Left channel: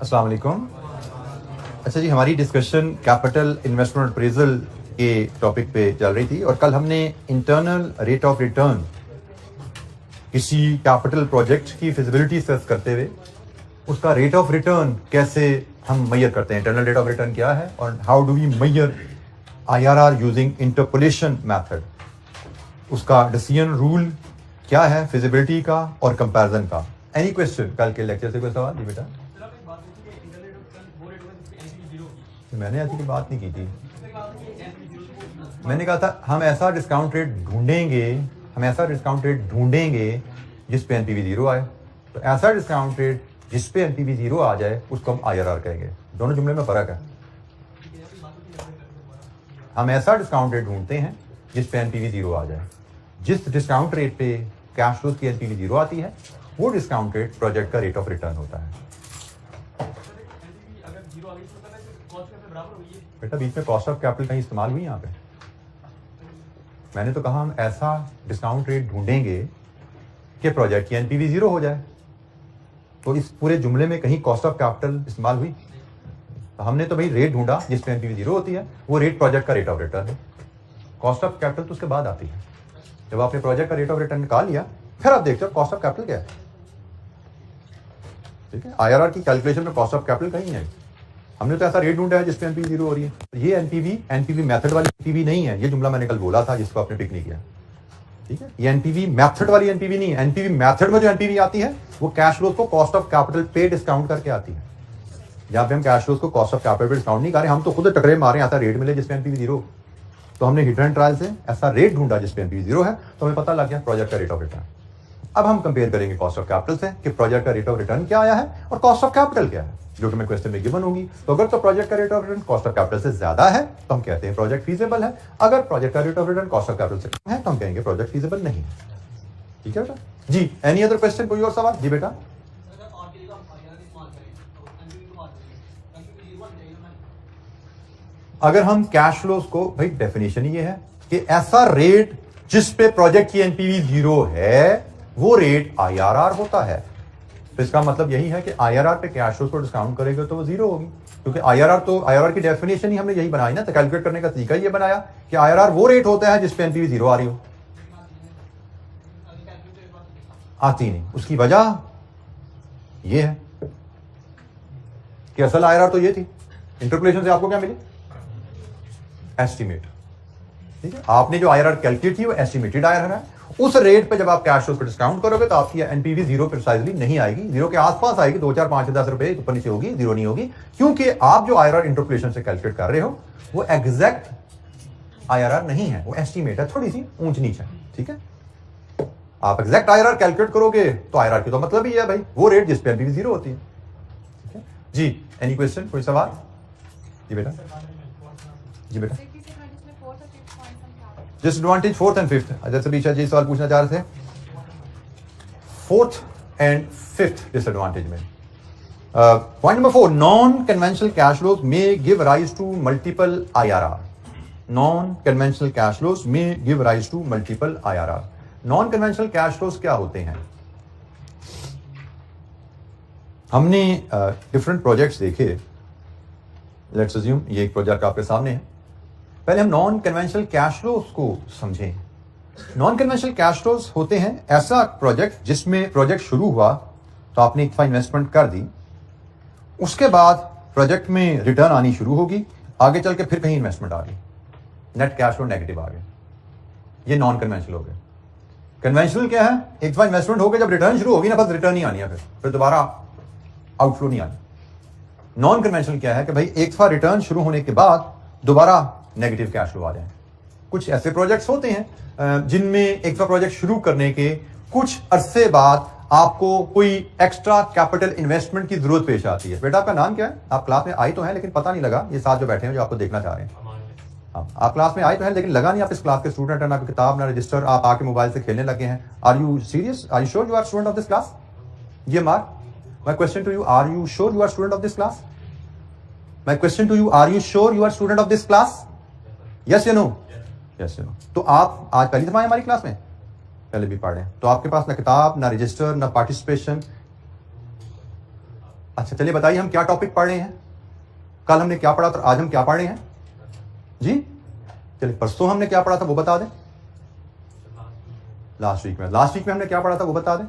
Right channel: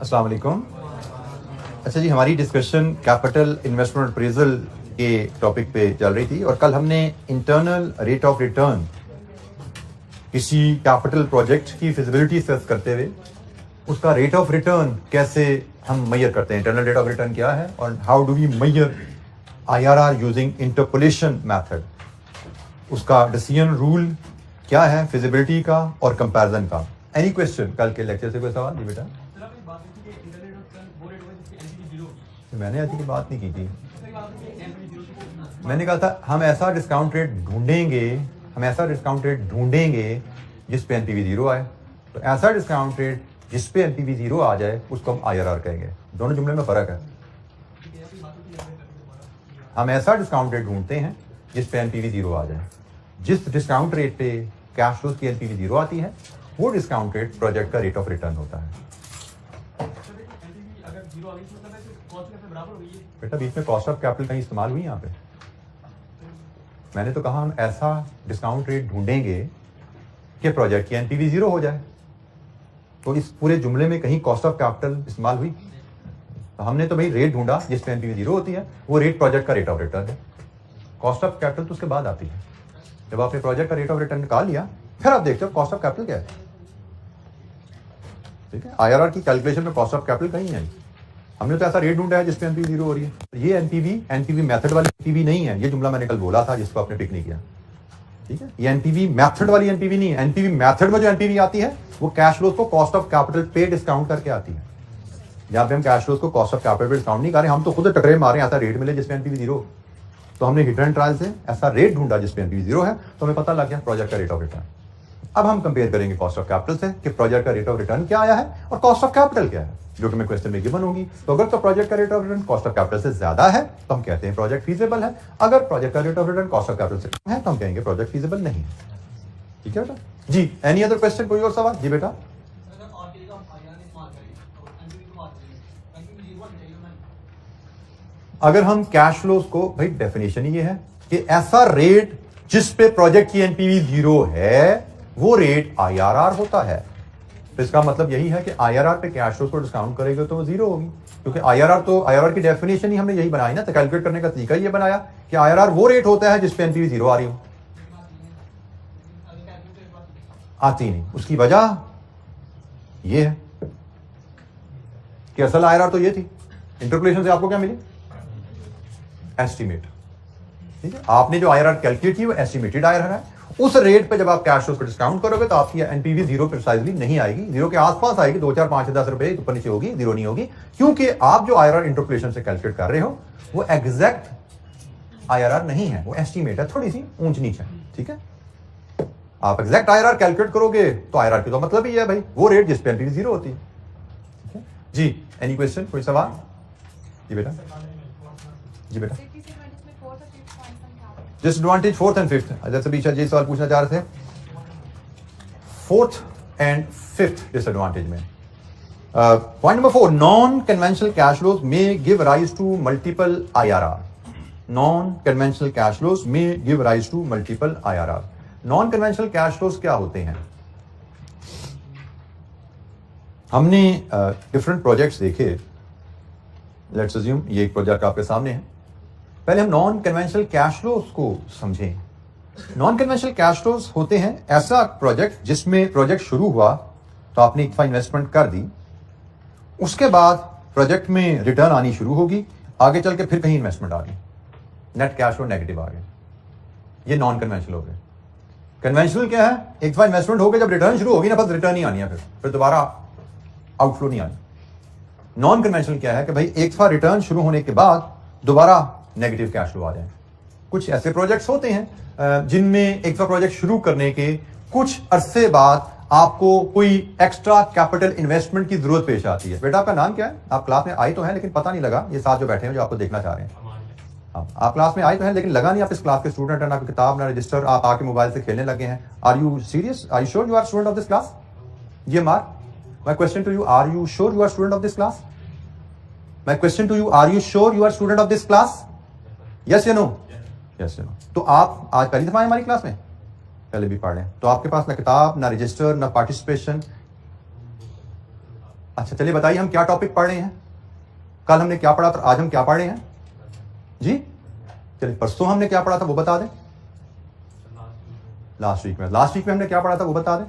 अस्सलाम वालेकुम। अच्छा जी, हमारी डिस्कशन कैपिटल इन्वेस्टमेंट अप्रेजल के टॉपिक पे चल रही थी और कल हमने इंटरनल रेट ऑफ रिटर्न किसी कैपिटल प्रोजेक्ट की फिजिबिलिटी सर्च करते हुए उसका रेट ऑफ रिटर्न कैसे हम मेजर करते हैं, इंटरनल रेट ऑफ रिटर्न क्या है और how do we measure IRR using interpolation method, उसका डिसीजन रूल क्या है फिजिबिलिटी का और कंपैरिजन का। एनी क्वेश्चन कल के लेक्चर से कोई सवाल जी बेटा? मैंने ऐसी कोई बात नहीं की थी। मैंने कहा था हम ऐसा डिस्काउंट रेट ढूंढेंगे जिस पे एनपीवी 0 आए। तो ऐसा डिस्काउंट रेट जिस पे एनपीवी 0 आ जाए उसको हम IRR कहेंगे। दोनों जुमले में फर्क है। हम ऐसा डिस्काउंट रेट ढूंढते हैं जिस पे एनपीवी 0 आ जाए। जिस डिस्काउंट रेट पे कैश फ्लोज की एनपीवी 0 आती है वो डिस्काउंट रेट प्रोजेक्ट का रेट ऑफ रिटर्न होता है। बेटा बीच में कॉस्ट ऑफ कैपिटल कहीं इस्तेमाल हुई यहाँ पे? मैंने तो कहा हम ऐसा डिस्काउंट रेट ढूंढेंगे कि प्रोजेक्ट की एनपीवी 0 हो जाए। तो इस पूरे जुमले में कहीं कॉस्ट ऑफ कैपिटल इस्तेमाल हुई? तो हमने तो भाई रेट ढूंढा जिस पे एनपीवी 0 होती है, वो रेट प्रोजेक्ट का रेट ऑफ रिटर्न है। कॉस्ट ऑफ कैपिटल तो उसके बाद आती है। जब आपने प्रोजेक्ट का रेट ऑफ रिटर्न निकाल लिया फिर आप देखते हो कॉस्ट ऑफ कैपिटल क्या है। ठीक है, IRR की कैलकुलेशन में कॉस्ट ऑफ कैपिटल कहीं नहीं आई। हमने तो ऐसा रेट ढूंढा है जिस पे एनपीवी 0 हो रही है। ये एनपीवी मेथड वाली एनपीवी नहीं है। ये जुमला मैंने कल बोला था जिसको आपने पिक नहीं किया। ठीक है, ये एनपीवी मेथड वाली एनपीवी नहीं है। एनपीवी मेथड में जो एनपीवी आती है वो कैश फ्लोज को कॉस्ट ऑफ कैपिटल पे डिस्काउंट करके आती है। जहां पे हम कैश फ्लोज को कॉस्ट ऑफ कैपिटल पे डिस्काउंट नहीं कर रहे, हम तो खुद टकरे मारे ऐसा रेट मिले जिसपे एनपीवी 0। तो हमने हिट एंड ट्रायल से ऐसा रेट ढूंढा जिसपे एनपीवी 0 है, तो हमें पता लग गया प्रोजेक्ट का रेट ऑफ रिटर्न। अब हम कंपेयर करेंगे कॉस्ट ऑफ कैपिटल से कि प्रोजेक्ट का रेट ऑफ रिटर्न क्या आया है और कॉस्ट ऑफ कैपिटल क्या है, जो कि मैं क्वेश्चन में गिवन होगी। तो अगर तो प्रोजेक्ट का rate of return cost of capital से ज्यादा है तो हम कहते हैं प्रोजेक्ट फीजिबल है। अगर प्रोजेक्ट का rate of return cost of capital से कम है तो हम कहेंगे प्रोजेक्ट फीजिबल नहीं। ठीक है बेटा जी। एनी अदर क्वेश्चन, कोई और सवाल? जी बेटा। अगर हम कैश फ्लोज को, भाई डेफिनेशन ये है कि ऐसा रेट जिस पे प्रोजेक्ट की एनपीवी 0 है वो रेट IRR होता है। तो इसका मतलब यही है कि IRR पे कैश फ्लोज को डिस्काउंट करेंगे तो वो 0 होगी, क्योंकि IRR की डेफिनेशन ही हमने यही बनाई ना। तो कैलकुलेट करने का तरीका ये बनाया कि IRR वो रेट होता है जिस पे एनपीवी 0 आ रही हो। आती नहीं। उसकी वजह ये है कि असल IRR तो ये थी। इंटरपोलेशन से आपको क्या मिली? एस्टिमेट। ठीक है, आपने जो IRR कैलकुलेट की वो एस्टिमेटेड IRR है। उस रेट पे जब आप कैश फ्लोज को डिस्काउंट करोगे तो आपकी एनपीवी 0 प्रिसाइजली नहीं आएगी, 0 के आसपास आएगी, 2, 4, 5, 10 रुपए ऊपर नीचे होगी, 0 नहीं होगी, क्योंकि आप जो IRR इंटरपोलेशन से कैलकुलेट कर रहे हो वो एग्जैक्ट IRR नहीं है, वो एस्टिमेट है, थोड़ी सी ऊंच नीचे। ठीक है, आप एग्जैक्ट IRR कैलकुलेट करोगे तो IRR की तो मतलब ही है भाई वो रेट जिस पे एनपीवी 0 होती है। जी, एनी क्वेश्चन, कोई सवाल? जी बेटा। जी बेटा। डिसएडवांटेज 4th and 5th, जैसे बीच जी सवाल पूछना चाह रहे थे। 4th and 5th डिसएडवांटेज में point number 4, non conventional cash flows may give rise to multiple IRR। Non conventional cash flows may give rise to multiple IRR। Non conventional cash flows क्या होते हैं? हमने डिफरेंट प्रोजेक्ट्स देखे। Let's assume ये एक project आपके सामने है। पहले हम नॉन कन्वेंशनल कैश फ्लोज को समझें। नॉन कन्वेंशनल कैश फ्लोज होते हैं ऐसा प्रोजेक्ट जिसमें प्रोजेक्ट शुरू हुआ तो आपने एक इन्वेस्टमेंट कर दी, उसके बाद प्रोजेक्ट में रिटर्न आनी शुरू होगी, आगे चल के फिर कहीं इन्वेस्टमेंट आ गई, नेट कैश फ्लो नेगेटिव आ गया। ये नॉन कन्वेंशनल हो गया। कन्वेंशनल क्या है? एक दफा इन्वेस्टमेंट हो गया, जब रिटर्न शुरू होगी ना बस रिटर्न ही आनी है, फिर दोबारा आउटफ्लो नहीं आनी। नॉन कन्वेंशनल क्या है कि भाई एक दफा रिटर्न शुरू होने के बाद दोबारा नेगेटिव कैश फ्लो आ जाए। कुछ ऐसे प्रोजेक्ट्स होते हैं जिनमें एक दफा प्रोजेक्ट शुरू करने के कुछ अरसे बाद आपको कोई एक्स्ट्रा कैपिटल इन्वेस्टमेंट की जरूरत पेश आती है। बेटा आपका नाम क्या है? आप क्लास में आए तो हैं लेकिन पता नहीं लगा, ये साथ जो बैठे हैं जो आपको देखना चाह रहे हैं। आप क्लास में आए तो हैं लेकिन लगा नहीं आप इस क्लास के स्टूडेंट हैं, ना किताब ना रजिस्टर, आप आके मोबाइल से खेलने लगे हैं। Are you serious? Are you sure you are student of this class? ये mark my question to you, are you sure you are student of this class? My question to you, are you sure you are student of this class? Yes या no? Yes या no. तो आप आज पहली दफा आए हमारी class में? पहले भी पढ़ रहे हैं। तो आपके पास ना किताब ना रजिस्टर ना पार्टिसिपेशन। अच्छा चलिए बताइए हम क्या टॉपिक पढ़ रहे हैं, कल हमने क्या पढ़ा था, आज हम क्या पढ़ रहे हैं जी? चलिए परसों हमने क्या पढ़ा था वो बता दें, लास्ट वीक में हमने क्या पढ़ा था वो बता दें।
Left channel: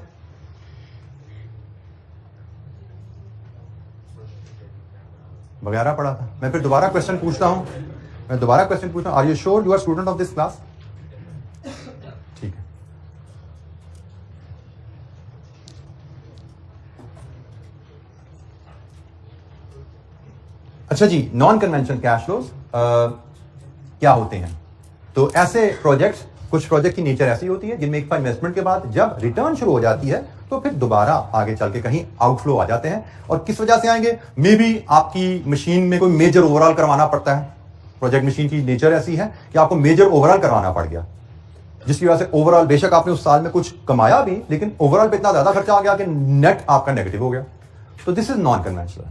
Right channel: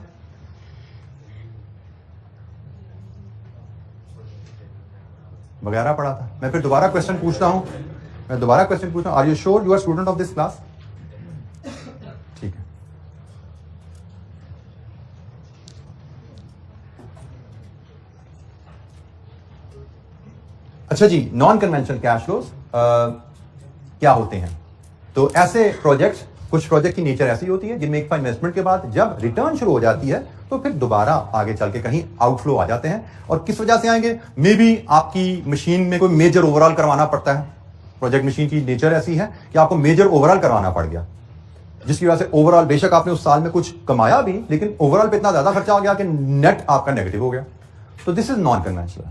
वगैरह पढ़ा था। मैं फिर दोबारा क्वेश्चन पूछता हूं, are you sure you are student of this class? ठीक है। अच्छा जी, नॉन कन्वेंशनल कैश फ्लोज क्या होते हैं? तो ऐसे प्रोजेक्ट्स, कुछ प्रोजेक्ट की नेचर ऐसी होती है जिनमें एक इन्वेस्टमेंट के बाद जब रिटर्न शुरू हो जाती है तो फिर दोबारा आगे चल के कहीं आउटफ्लो आ जाते हैं। और किस वजह से आएंगे? मे बी आपकी मशीन में कोई मेजर ओवरऑल करवाना पड़ता है। प्रोजेक्ट मशीन की नेचर ऐसी है कि आपको मेजर ओवरऑल करवाना पड़ गया, जिसकी वजह से ओवरऑल बेशक आपने उस साल में कुछ कमाया भी, लेकिन ओवरऑल पे इतना ज्यादा खर्चा आ गया कि नेट आपका नेगेटिव हो गया। तो दिस इज नॉन कन्वेंशनल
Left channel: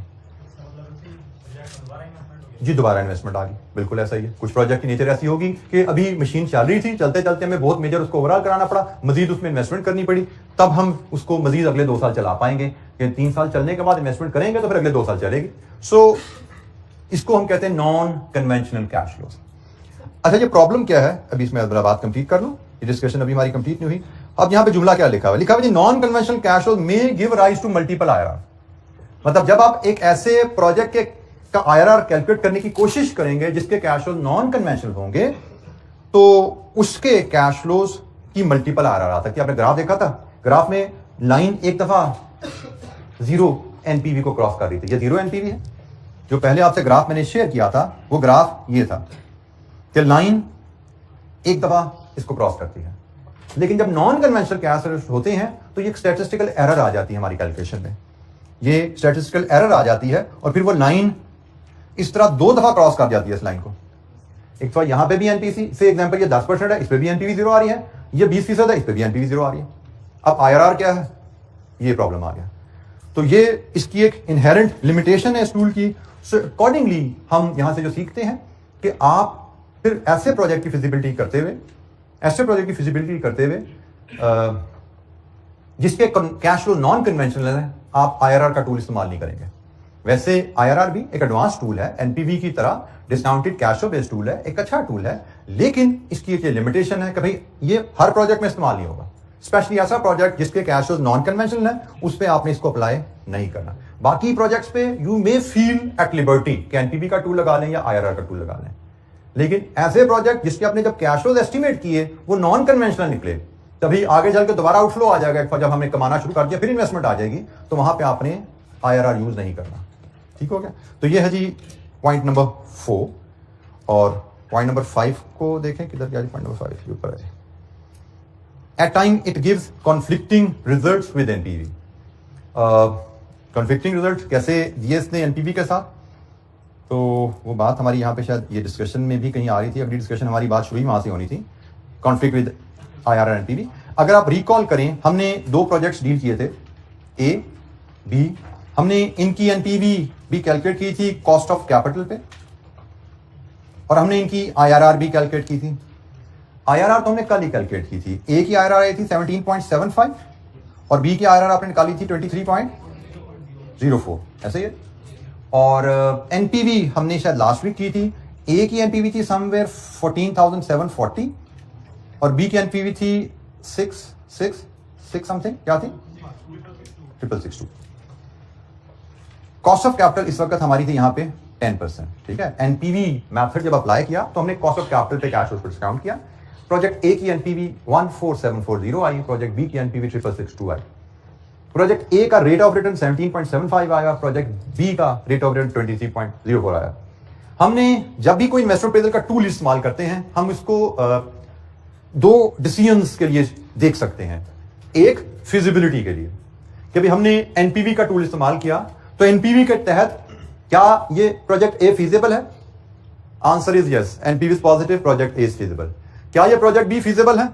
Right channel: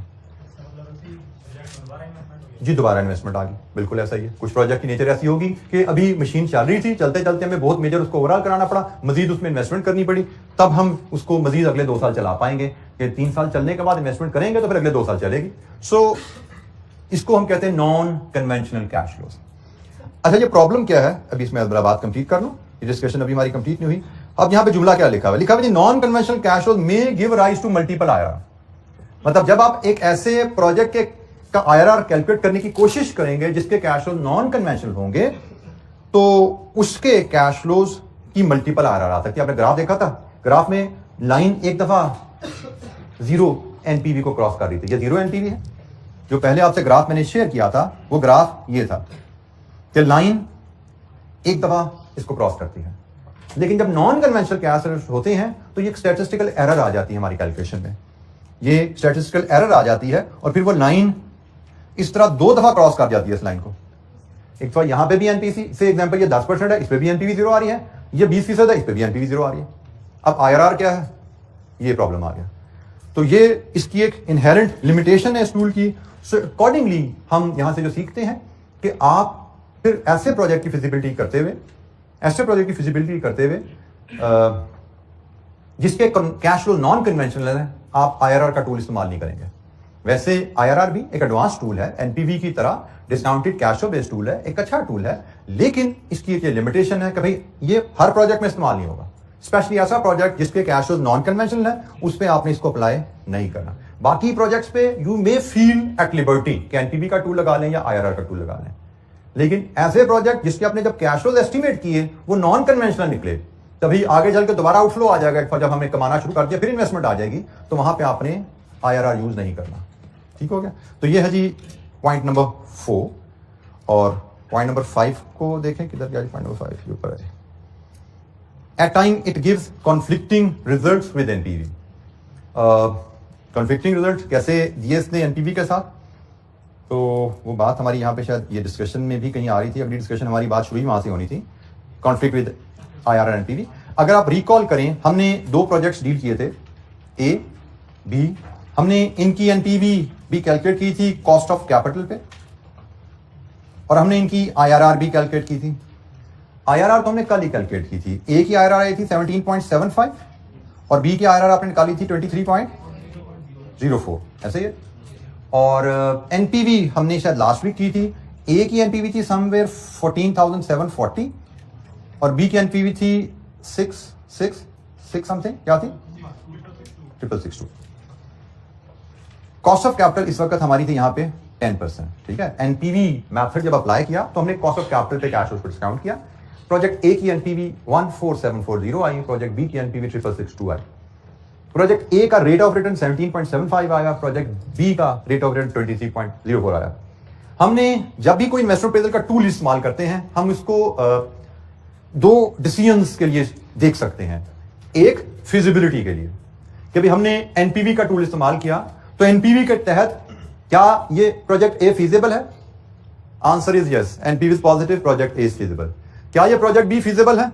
जी, दोबारा इन्वेस्टमेंट आ गई, बिल्कुल ऐसा ही है। कुछ प्रोजेक्ट की नेचर ऐसी होगी कि अभी मशीन चल रही थी, चलते चलते हमें बहुत मेजर उसको ओवरऑल कराना पड़ा, मजीद उसमें इन्वेस्टमेंट करनी पड़ी, तब हम उसको मजीद अगले 2 साल चला पाएंगे। कि 3 साल चलने के बाद इन्वेस्टमेंट करेंगे तो फिर अगले 2 साल चलेगी। सो इसको हम कहते हैं नॉन कन्वेंशनल कैश फ्लोज। अच्छा ये प्रॉब्लम क्या है, अभी इसमें जरा बात कंप्लीट कर लूं, ये डिस्कशन अभी हमारी कंप्लीट नहीं हुई। अब यहां पे जुमला क्या लिखा हुआ है? लिखा हुआ है non conventional cash flows may give rise to multiple IRR. मतलब जब आप एक ऐसे प्रोजेक्ट के का आईआरआर कैलकुलेट करने की कोशिश करेंगे जिसके कैश फ्लो नॉन कन्वेंशनल होंगे, तो उसके कैश फ्लोज की मल्टीपल आईआरआर आता है। कि आपने ग्राफ देखा था, ग्राफ में लाइन एक दफा 0 एनपीवी को क्रॉस कर रही थी। ये 0 एनपीवी है। जो पहले आपसे ग्राफ मैंने शेयर किया था वो ग्राफ ये था कि लाइन एक दफा इसको क्रॉस करती है। लेकिन जब नॉन कन्वेंशनल कैश फ्लोज होते हैं तो ये स्टैटिस्टिकल एरर आ जाती है हमारी कैलकुलेशन में। ये स्टैटिस्टिकल एरर आ जाती है और फिर वो लाइन इस तरह 2 दफा क्रॉस कर जाती है इस लाइन को। एक तो यहां पे भी एनपीसी से एग्जांपल ये 10% है, इस पे भी एनपीवी 0 आ रही है, ये 20% है, इस पे भी एनपीवी 0 आ रही है। अब आईआरआर क्या है? ये प्रॉब्लम आ गया। तो ये इसकी एक इनहेरेंट लिमिटेशन है इस टूल की। सो अकॉर्डिंगली हम यहां से जो सीखते हैं कि आप फिर ऐसे प्रोजेक्ट की फिजिबिलिटी करते हुए जिसके कैश फ्लो नॉन कन्वेंशनल है, आप आईआरआर का टूल इस्तेमाल नहीं करेंगे। वैसे आईआरआर भी एक एडवांस टूल है, एनपीवी की तरह discounted cash flow based tool है, एक अच्छा टूल है, लेकिन इसकी एक लिमिटेशन है कि भाई ये हर प्रोजेक्ट में इस्तेमाल नहीं होगा। स्पेशली ऐसा प्रोजेक्ट जिसके कैश फ्लो नॉन कन्वेंशनल है, उस पर आपने इसको अप्लाई नहीं करना। बाकी प्रोजेक्ट्स पे you may feel at liberty कि एनपीवी का टूल लगा लें या आईआरआर का टूल लगा लें। लेकिन ऐसे प्रोजेक्ट जिसके आपने जब कैश फ्लो एस्टिमेट किए वो नॉन कन्वेंशनल निकले, तभी आगे चल के दोबारा आउटफ्लो आ जाएगा। जब हमने कमाना शुरू कर दिया फिर इन्वेस्टमेंट आ जाएगी, तो वहां पे आपने आईआरआर यूज नहीं करना। ठीक हो गया? तो ये है जी पॉइंट नंबर 4। और पॉइंट नंबर 5 को देखें, किधर गया? पॉइंट नंबर 5 के ऊपर है। At time it gives conflicting results with NPV. Conflicting result कैसे दिए इसने एनपीवी के साथ? तो वो बात हमारी यहाँ पे शायद ये डिस्कशन में भी कहीं आ रही थी, अगली डिस्कशन हमारी बात शुरू ही वहां से होनी थी, कॉन्फ्लिक्ट विद आईआरआर एनपीवी। अगर आप रिकॉल करें, हमने 2 प्रोजेक्ट्स डील किए थे, ए बी। हमने इनकी एनपीवी भी कैलकुलेट की थी कॉस्ट ऑफ कैपिटल पे, और हमने इनकी आईआरआर भी कैलकुलेट की थी। आईआरआर तो हमने कल ही कैलकुलेट की थी। ए की आईआरआर आई थी 17.75 और बी की आईआरआर आपने निकाली थी 23.04, ऐसे ही है। और एनपीवी हमने शायद लास्ट वीक की थी। ए की एनपीवी थी समवेयर 14,740 और बी की एनपीवी थी 6 समथिंग, क्या थी? 662। कॉस्ट ऑफ कैपिटल इस वक्त हमारी थी यहां पे 10%। ठीक है? एनपीवी मेथड जब अप्लाई किया तो हमने कॉस्ट ऑफ कैपिटल पे कैश फ्लो डिस्काउंट किया। प्रोजेक्ट ए की एनपीवी 14740 आई, प्रोजेक्ट बी की एनपीवी 6662 आई। प्रोजेक्ट ए का रेट ऑफ रिटर्न 17.75 आया, प्रोजेक्ट बी का रेट ऑफ रिटर्न 23.04 आया। हमने जब भी कोई इन्वेस्टमेंट अप्रेजल का टूल इस्तेमाल करते हैं, हम इसको 2 डिसीजंस के लिए देख सकते हैं। एक फिजिबिलिटी के लिए कि भाई हमने एनपीवी का टूल इस्तेमाल किया, तो एनपीवी के तहत क्या ये प्रोजेक्ट ए फीजिबल है? Answer is yes, NPV is positive, project A is feasible. क्या ये प्रोजेक्ट बी फीजिबल है?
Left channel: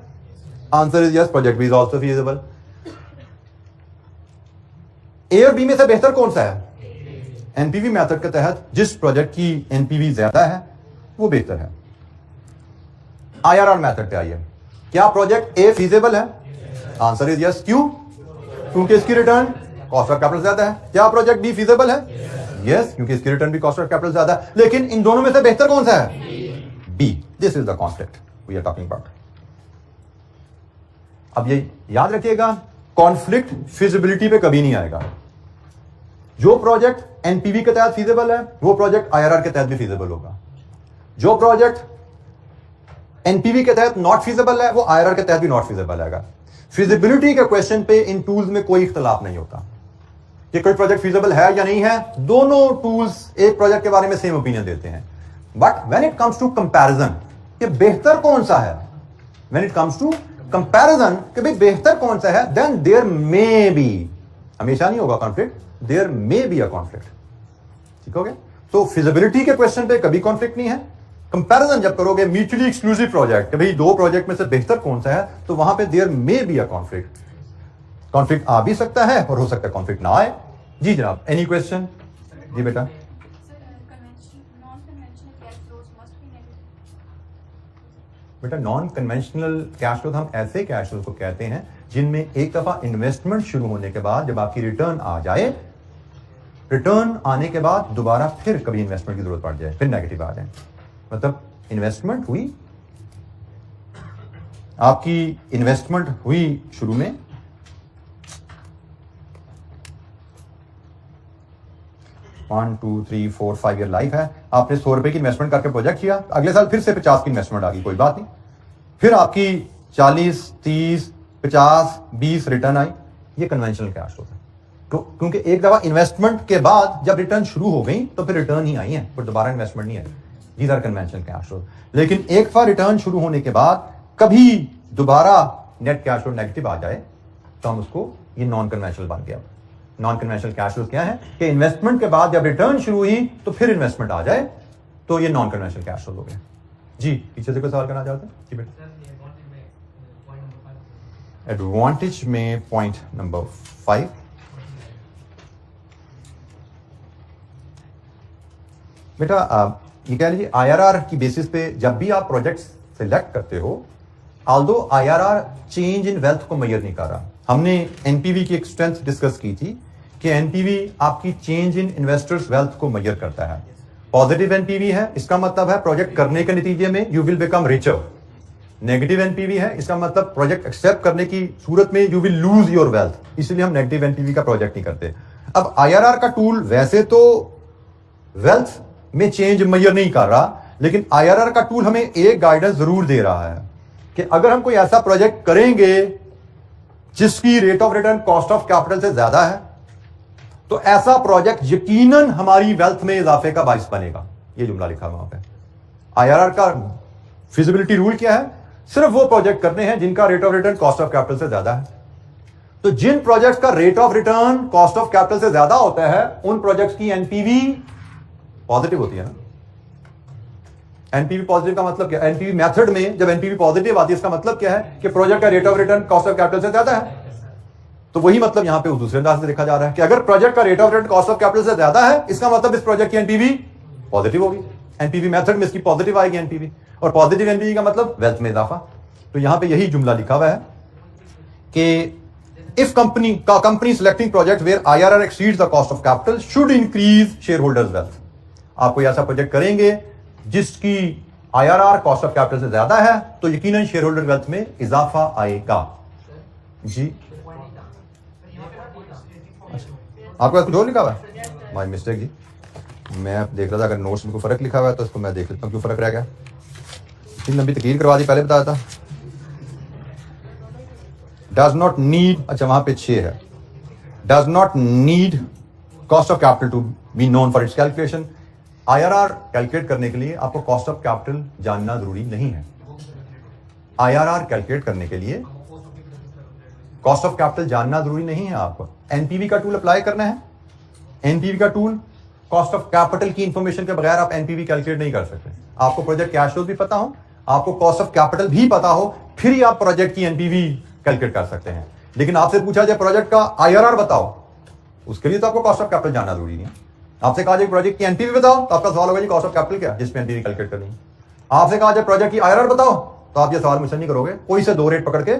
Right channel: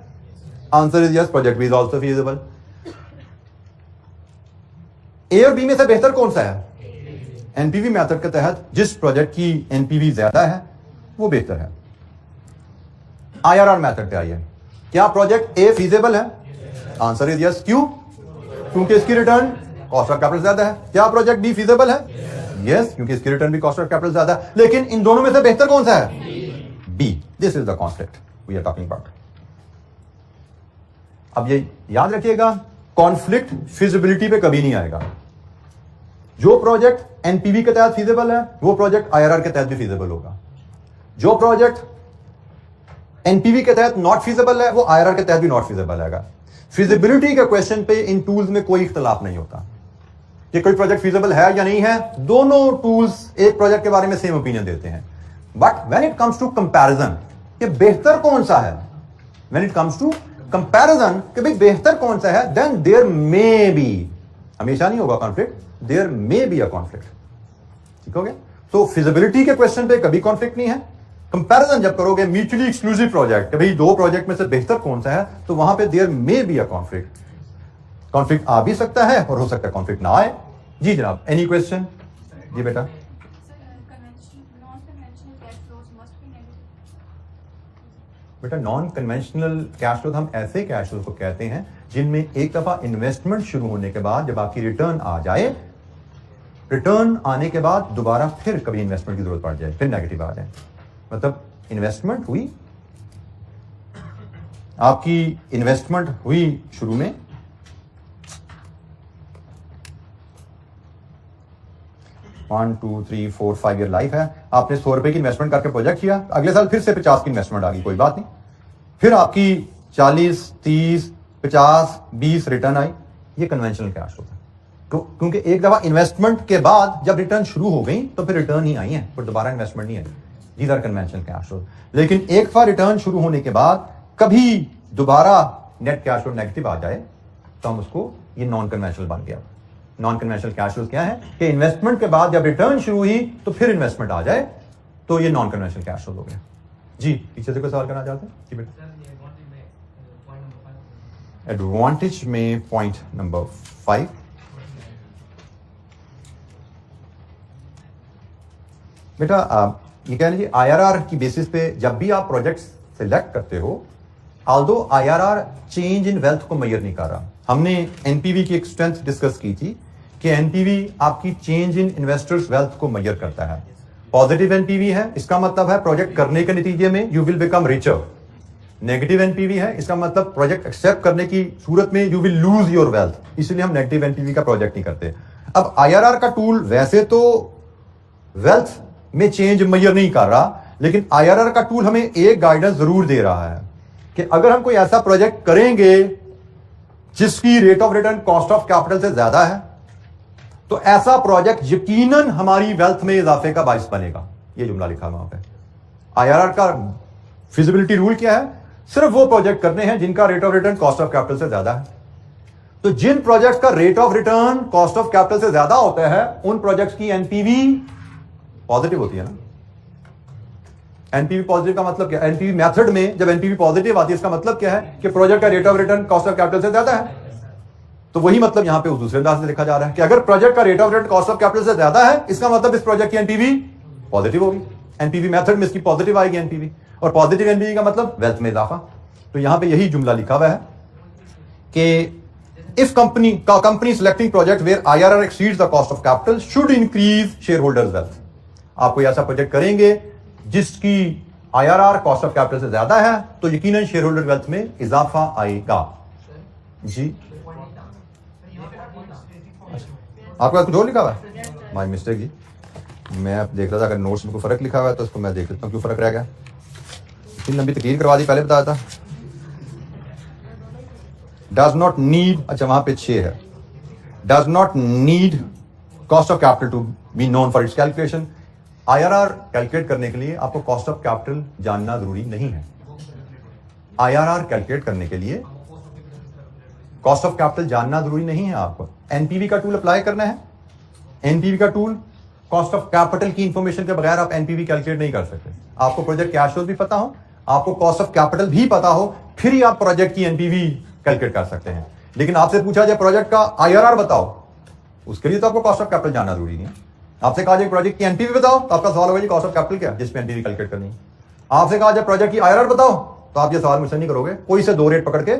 Answer is yes, project B is also feasible. A और बी में से बेहतर कौन सा है? एनपीवी मेथड के तहत जिस प्रोजेक्ट की एनपीवी ज्यादा है वो बेहतर है। आईआरआर मेथड पे आइए, क्या प्रोजेक्ट ए फीजिबल है? Answer is yes. क्यों? क्योंकि इसकी रिटर्न कॉस्ट ऑफ कैपिटल ज्यादा है। क्या प्रोजेक्ट बी फीजिबल है? यस, क्योंकि इसकी रिटर्न भी कॉस्ट ऑफ कैपिटल ज्यादा है। लेकिन इन दोनों में से बेहतर कौन सा है? B. This is the conflict we are talking about. अब ये याद रखिएगा, कॉन्फ्लिक्ट फिजिबिलिटी पे कभी नहीं आएगा। जो प्रोजेक्ट एनपीवी के तहत फीजिबल है वो प्रोजेक्ट आईआरआर के तहत भी फीजिबल होगा। जो प्रोजेक्ट एनपीवी के तहत नॉट फीजिबल है वो आईआरआर के तहत भी नॉट फीजिबल है। फिजिबिलिटी के क्वेश्चन पे इन टूल्स में कोई इख्तलाफ नहीं होता कि कोई प्रोजेक्ट फीजिबल है या नहीं है। दोनों टूल्स एक प्रोजेक्ट के बारे में सेम ओपिनियन देते हैं। But when it comes to comparison कि बेहतर कौन सा है, when it comes to comparison कि भाई बेहतर कौन सा है, देन देयर मे बी, हमेशा नहीं होगा conflict, there may be a conflict. ठीक हो गया? तो फिजिबिलिटी के क्वेश्चन पे कभी कॉन्फ्लिक्ट नहीं है। कंपैरिजन जब करोगे म्यूचुअली एक्सक्लूसिव प्रोजेक्ट कि भाई दो प्रोजेक्ट में से बेहतर कौन सा है, तो वहां पे there may be a conflict. Conflict आ भी सकता है और हो सकता है कॉन्फ्लिक्ट ना आए। जी जनाब, एनी क्वेश्चन? जी बेटा। बेटा नॉन कन्वेंशनल कैश फ्लो हम ऐसे कैश फ्लो को कहते हैं जिनमें एक दफा इन्वेस्टमेंट शुरू होने के बाद जब आपकी रिटर्न आ जाए, रिटर्न आने के बाद दोबारा फिर कभी इन्वेस्टमेंट की जरूरत पड़ जाए, फिर नेगेटिव आ जाए। मतलब इन्वेस्टमेंट हुई, आपकी इन्वेस्टमेंट हुई शुरू में, 1 2 3 4 5 ईयर लाइफ है, आपने 100 रुपए की इन्वेस्टमेंट करके प्रोजेक्ट किया, अगले साल फिर से 50 की इन्वेस्टमेंट आ गई, कोई बात नहीं, फिर आपकी 40 30 50 20 रिटर्न आई, ये कन्वेंशनल कैश फ्लो है। तो क्योंकि एक दफा इन्वेस्टमेंट के बाद जब रिटर्न शुरू हो गई तो फिर रिटर्न ही आई है, फिर दोबारा इन्वेस्टमेंट नहीं आई। These are conventional cash flow. लेकिन एक दफा रिटर्न शुरू होने के बाद कभी दोबारा नेट कैश फ्लो नेगेटिव आ जाए तो हम उसको, ये नॉन कन्वेंशनल बन गया। नॉन कन्वेंशनल कैश फ्लो क्या है कि इन्वेस्टमेंट के बाद जब रिटर्न शुरू हुई तो फिर इन्वेस्टमेंट आ जाए, तो ये नॉन कन्वेंशनल कैश फ्लो हो गया। जी पीछे से कोई सवाल करना चाहते हैं? जी बेटा। एडवांटेज में पॉइंट नंबर 5, बेटा ये कह लीजिए आईआरआर की बेसिस पे जब भी आप प्रोजेक्ट सिलेक्ट करते हो, although IRR change in wealth को मेजर नहीं कर रहा। हमने एनपीवी की एक स्ट्रेंथ डिस्कस की थी कि एनपीवी आपकी चेंज इन इन्वेस्टर्स वेल्थ को मेजर करता है। पॉजिटिव एनपीवी है, इसका मतलब है प्रोजेक्ट करने के नतीजे में you will become richer. Negative NPV है, इसका मतलब प्रोजेक्ट एक्सेप्ट करने की सूरत में you will lose your wealth, इसलिए हम नेगेटिव एनपीवी का प्रोजेक्ट नहीं करते। अब आईआरआर का टूल वैसे तो वेल्थ में चेंज मेजर नहीं कर रहा, लेकिन आईआरआर का टूल हमें एक गाइडेंस जरूर दे रहा है कि अगर हम कोई ऐसा प्रोजेक्ट करेंगे जिसकी rate of return cost of capital से ज्यादा है, तो ऐसा प्रोजेक्ट यकीनन हमारी वेल्थ में इजाफे का बाइस बनेगा। ये जुमला लिखा वहां पे। आईआरआर का फिजिबिलिटी रूल क्या है? सिर्फ वो प्रोजेक्ट करने हैं जिनका rate of return cost of capital से ज्यादा है। तो जिन प्रोजेक्ट्स का rate of return cost of capital से ज्यादा होता है उन प्रोजेक्ट्स की एनपीवी पॉजिटिव होती है ना। एनपीवी पॉजिटिव का मतलब क्या? एनपीवी मेथड में जब एनपीवी पॉजिटिव आती है इसका मतलब क्या है कि प्रोजेक्ट का rate of return cost of capital से ज्यादा है। तो वही मतलब यहां पे उस दूसरे अंदाज से देखा जा रहा है कि अगर प्रोजेक्ट का rate of return cost of capital से ज्यादा है, इसका मतलब इस प्रोजेक्ट की एनपीवी पॉजिटिव होगी। एनपीवी मेथड में इसकी पॉजिटिव आएगी एनपीवी, और पॉजिटिव एनपीवी का मतलब वेल्थ में इजाफा। तो यहां पे यही जुमला लिखा हुआ है कि if company selecting project where IRR exceeds the cost of capital should increase shareholders wealth. आप कोई ऐसा प्रोजेक्ट करेंगे जिसकी आईआरआर कॉस्ट ऑफ कैपिटल से ज्यादा है तो यकीनन शेयर होल्डर वेल्थ में इजाफा आएगा। जी आपका कुछ और लिखा हुआ है? माय मिस्टेक जी, मैं देख रहा था अगर नोट्स में कोई फर्क लिखा हुआ है तो इसको मैं देख लेता हूँ क्यों फर्क रह गया। इतनी लंबी तकरीर करवा दी, पहले बताया था। डज नॉट नीड, अच्छा वहां पे 6 है, does not need cost of capital to be known for its calculation. IRR calculate करने के लिए आपको कॉस्ट ऑफ कैपिटल जानना जरूरी नहीं है। आईआरआर कैलकुलेट करने के लिए कॉस्ट ऑफ कैपिटल जानना जरूरी नहीं है। आपको एनपीवी का टूल अप्लाई करना है। एनपीवी का टूल कॉस्ट ऑफ कैपिटल की इंफॉर्मेशन के बगैर आप एनपीवी कैलकुलेट नहीं कर सकते। आपको प्रोजेक्ट कैश फ्लोज भी पता हो, आपको कॉस्ट ऑफ कैपिटल भी पता हो, फिर ही आप प्रोजेक्ट की एनपीवी कैलकुलेट कर सकते हैं। लेकिन आपसे पूछा जाए प्रोजेक्ट का आईआरआर बताओ, उसके लिए तो आपको कॉस्ट ऑफ कैपिटल जानना जरूरी नहीं है। आपसे कहा जाए प्रोजेक्ट की एनपीवी बताओ तो आपका सवाल होगा जी कॉस्ट ऑफ कैपिटल क्या, जिसमें एनपीवी कैलकुलेट करनी है। आपसे कहा जाए प्रोजेक्ट की आईआरआर बताओ तो आप ये सवाल मुझसे नहीं करोगे, कोई से 2 रेट पकड़ के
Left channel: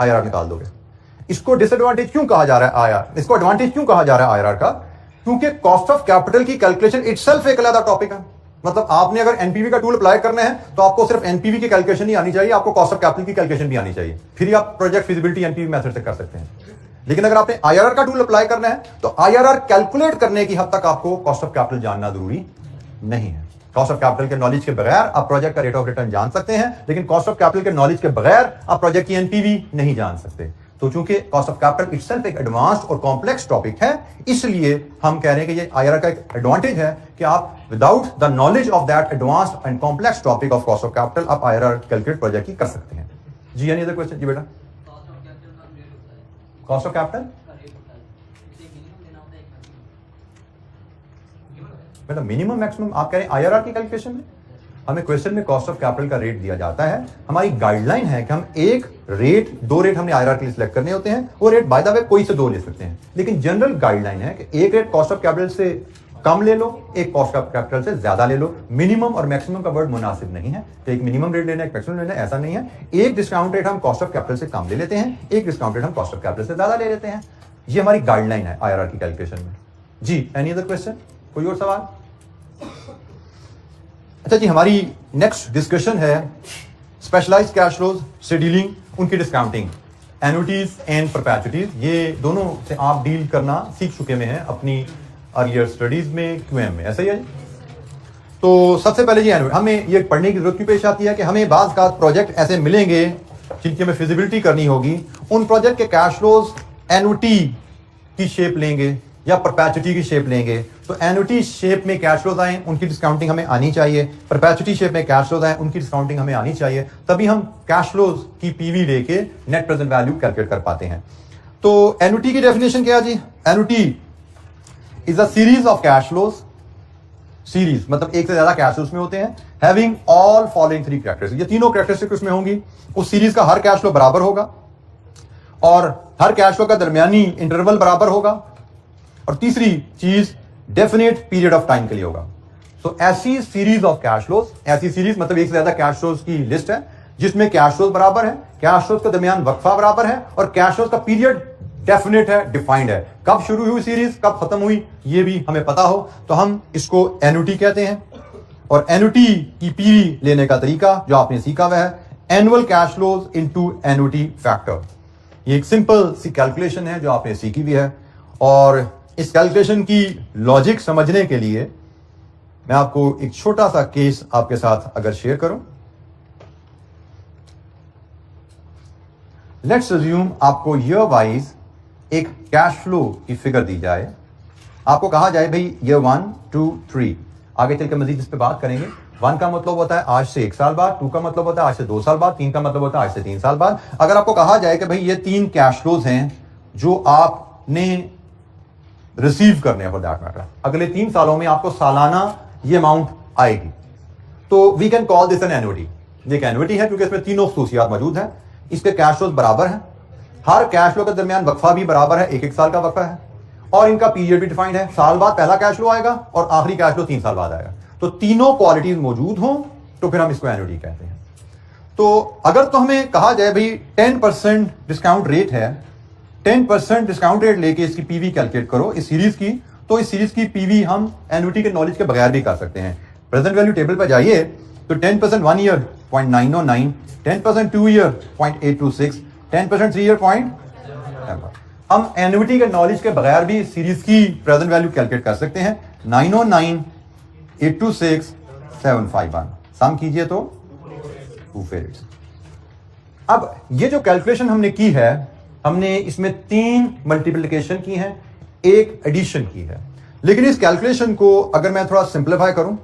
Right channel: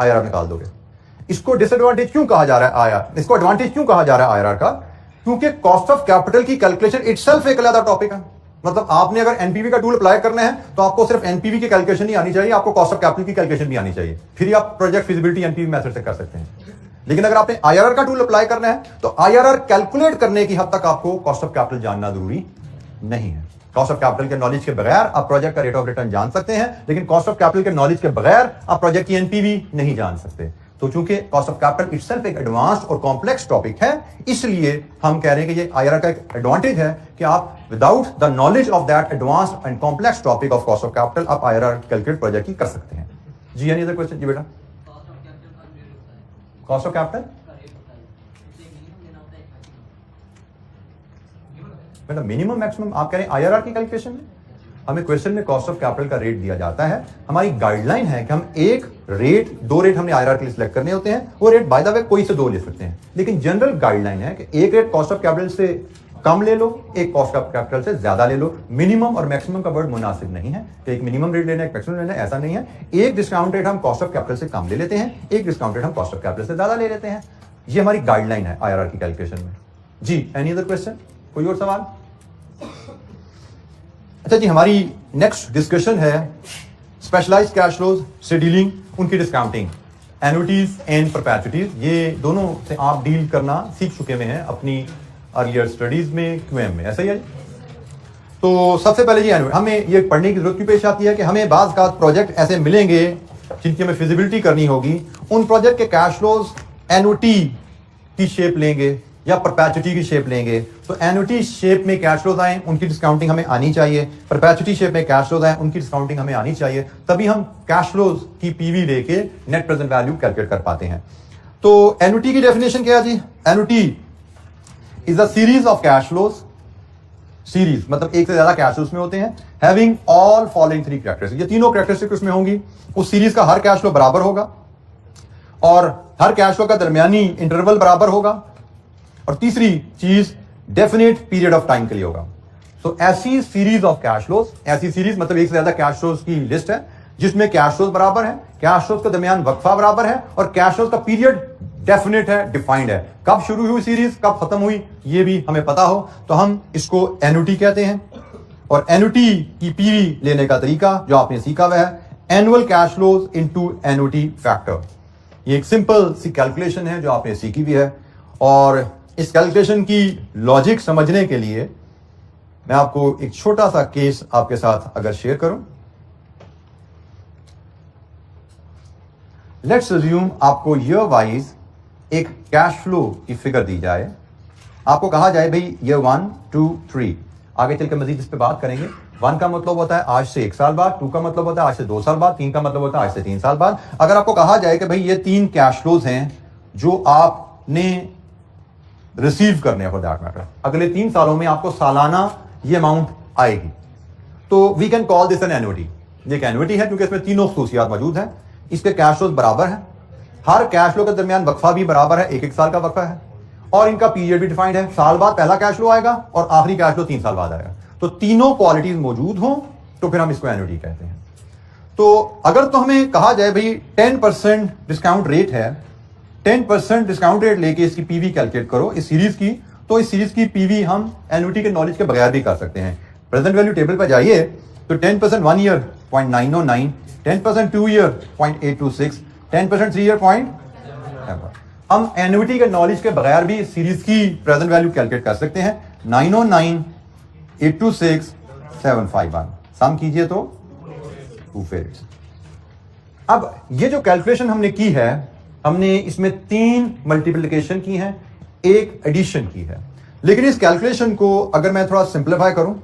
आईआरआर निकाल दोगे। इसको डिसएडवांटेज क्यों कहा जा रहा है आईआर, इसको एडवांटेज क्यों कहा जा रहा है आईआर का? क्योंकि कॉस्ट ऑफ कैपिटल की कैलकुलेशन इटसेल्फ एक अलग टॉपिक है। मतलब आपने अगर एनपीवी का टूल अप्लाई करना है तो आपको सिर्फ एनपीवी की कैलकुलेशन नहीं आनी चाहिए, आपको कॉस्ट ऑफ कैपिटल की कैलकुलेशन भी आनी चाहिए, फिर आप प्रोजेक्ट फिजिबिलिटी एनपीवी मेथड से कर सकते हैं। लेकिन अगर आपने आईआरआर का टूल अप्लाई करना है तो आईआरआर कैलकुलेट करने की हद तक आपको कॉस्ट ऑफ कैपिटल जानना जरूरी नहीं है। कॉस्ट ऑफ कैपिटल के नॉलेज के बगैर आप प्रोजेक्ट का रेट ऑफ रिटर्न जान सकते हैं, लेकिन कॉस्ट ऑफ कैपिटल के नॉलेज के बगैर आप प्रोजेक्ट की एनपीवी नहीं जान सकते। तो चूंकि कॉस्ट ऑफ कैपिटल इटसेल्फ एक एडवांस्ड और कॉम्प्लेक्स टॉपिक है, इसलिए हम कह रहे हैं कि ये आईआरआर का एक एडवांटेज है कि आप without the knowledge of that advanced and complex topic of cost of capital आप आईआरआर कैलकुलेट प्रोजेक्ट की कर सकते हैं। जी एनी अदर क्वेश्चन? जी बेटा, कॉस्ट ऑफ कैपिटल बेटा मिनिमम मैक्सिमम आप कह रहे हैं आईआरआर की कैलकुलेशन में? हमें क्वेश्चन में कॉस्ट ऑफ कैपिटल का रेट दिया जाता है, हमारी गाइडलाइन है कि हम एक रेट, दो रेट हमने आईआरआर के लिए सिलेक्ट करने होते हैं, वो रेट बाय द वे कोई से दो ले सकते हैं, लेकिन जनरल गाइडलाइन है कि एक रेट कॉस्ट ऑफ कैपिटल से कम ले लो, एक कॉस्ट ऑफ कैपिटल से ज्यादा ले लो। मिनिमम और मैक्सिमम का वर्ड मुनासिब नहीं है, तो एक मिनिमम रेट लेना है, एक मैक्सिमम लेना है, ऐसा नहीं है। एक डिस्काउंट रेट हम कॉस्ट ऑफ कैपिटल से कम ले लेते हैं, एक डिस्काउंट रेट हम कॉस्ट ऑफ कैपिटल से ज्यादा ले लेते हैं। ये हमारी गाइडलाइन है आईआरआर की कैलकुलेशन में। जी एनी अदर क्वेश्चन? कोई और सवाल? अच्छा जी, हमारी नेक्स्ट डिस्कशन है स्पेशलाइज्ड कैश फ्लोज से डीलिंग, उनकी डिस्काउंटिंग, एन्युटीज एंड परपेचुइटीज। ये दोनों से आप डील करना सीख चुके में हैं अपनी अर्लियर स्टडीज में, क्यूएम में, ऐसा ही है। तो सबसे पहले जी हमें ये पढ़ने की जरूरत क्यों पेश आती है कि हमें बाज़ का प्रोजेक्ट ऐसे मिलेंगे जिनकी हमें फिजिबिलिटी करनी होगी, उन प्रोजेक्ट के कैश फ्लोज एन्युटी की शेप लेंगे या परपेचुइटी की शेप लेंगे। तो एन्युटी शेप में कैश फ्लोज आए, उनकी डिस्काउंटिंग हमें आनी चाहिए, परपेचुइटी शेप में कैश फ्लोज आए, उनकी डिस्काउंटिंग हमें आनी चाहिए, तभी हम कैश फ्लोज की पीवी लेके नेट प्रेजेंट वैल्यू कैलकुलेट कर पाते हैं। तो एन्युटी की डेफिनेशन क्या है जी? Annuity is a series of cash flows, series मतलब एक से ज्यादा कैश फ्लोज में होते हैं, having all following three characteristics. ये तीनों कैरेक्टरिस्टिक्स उसमें होंगी। उस सीरीज का हर कैश फ्लो बराबर होगा और हर कैश फ्लो का दरमियानी इंटरवल बराबर होगा, और तीसरी चीज डेफिनेट पीरियड ऑफ टाइम के लिए होगा। तो ऐसी सीरीज ऑफ कैश फ्लोज, ऐसी सीरीज मतलब एक से ज्यादा कैश फ्लोज की लिस्ट है जिसमें कैश फ्लोज बराबर है, कैश फ्लोज के दरमियान वक्फा बराबर है, और कैश फ्लोज का पीरियड डेफिनेट है, डिफाइंड है। कब शुरू हुई सीरीज, कब खत्म हुई, ये भी हमें पता हो, तो हम इसको एन्युटी कहते हैं। और एन्युटी की पीवी लेने का तरीका जो आपने सीखा हुआ है, annual cash flows into annuity factor. ये एक सिंपल सी कैलकुलेशन है जो आपने सीखी भी है, और इस कैलकुलेशन की लॉजिक समझने के लिए मैं आपको एक छोटा सा केस आपके साथ अगर शेयर करूं। लेट्स अज्यूम आपको ईयर वाइज एक कैश फ्लो की फिगर दी जाए, आपको कहा जाए भाई ईयर 1, 2, 3, आगे चलकर मजीद इस पे बात करेंगे। 1 का मतलब होता है आज से 1 साल बाद, 2 का मतलब होता है आज से 2 साल बाद, 3 का मतलब होता है आज से 3 साल बाद। अगर आपको कहा जाए कि भाई ये 3 कैश फ्लोज हैं जो आपने रिसीव करने हैं फॉर दैट मैटर, अगले 3 सालों में आपको सालाना ये अमाउंट आएगी, तो we can call this an annuity. ये एक एन्युटी है क्योंकि इसमें तीनों खसूसियात मौजूद हैं। इसके कैश फ्लोज बराबर हैं, हर कैश फ्लो के दरमियान वक्फा भी बराबर है, 1-1 साल का वक्फा है, और इनका पीरियड भी डिफाइंड है। साल बाद पहला कैश फ्लो आएगा और आखिरी कैश फ्लो 3 साल बाद आएगा। तो तीनों क्वालिटीज मौजूद हों तो फिर हम इसको एन्युटी कहते हैं। तो अगर तो हमें कहा जाए भाई 10% डिस्काउंट रेट है, 10% डिस्काउंट रेट लेके इसकी पीवी कैलकुलेट करो इस सीरीज की, तो इस सीरीज की पीवी हम एन्युटी के नॉलेज के बगैर भी कर सकते हैं। प्रेजेंट वैल्यू टेबल पर जाइए तो 10% 1 ईयर 0.909, 10% 2 ईयर 0.826, 10% 3 ईयर 0.7। हम एन्युटी के नॉलेज के बगैर भी सीरीज की प्रेजेंट वैल्यू कैलकुलेट कर सकते हैं। 909, 826, 751 सम कीजिए तो 2 फेरिट्स। अब ये जो कैलकुलेशन हमने की है, हमने इसमें 3 मल्टीप्लिकेशन की है, 1 एडिशन की है। लेकिन इस कैलकुलेशन को अगर मैं थोड़ा सिंप्लीफाई करूं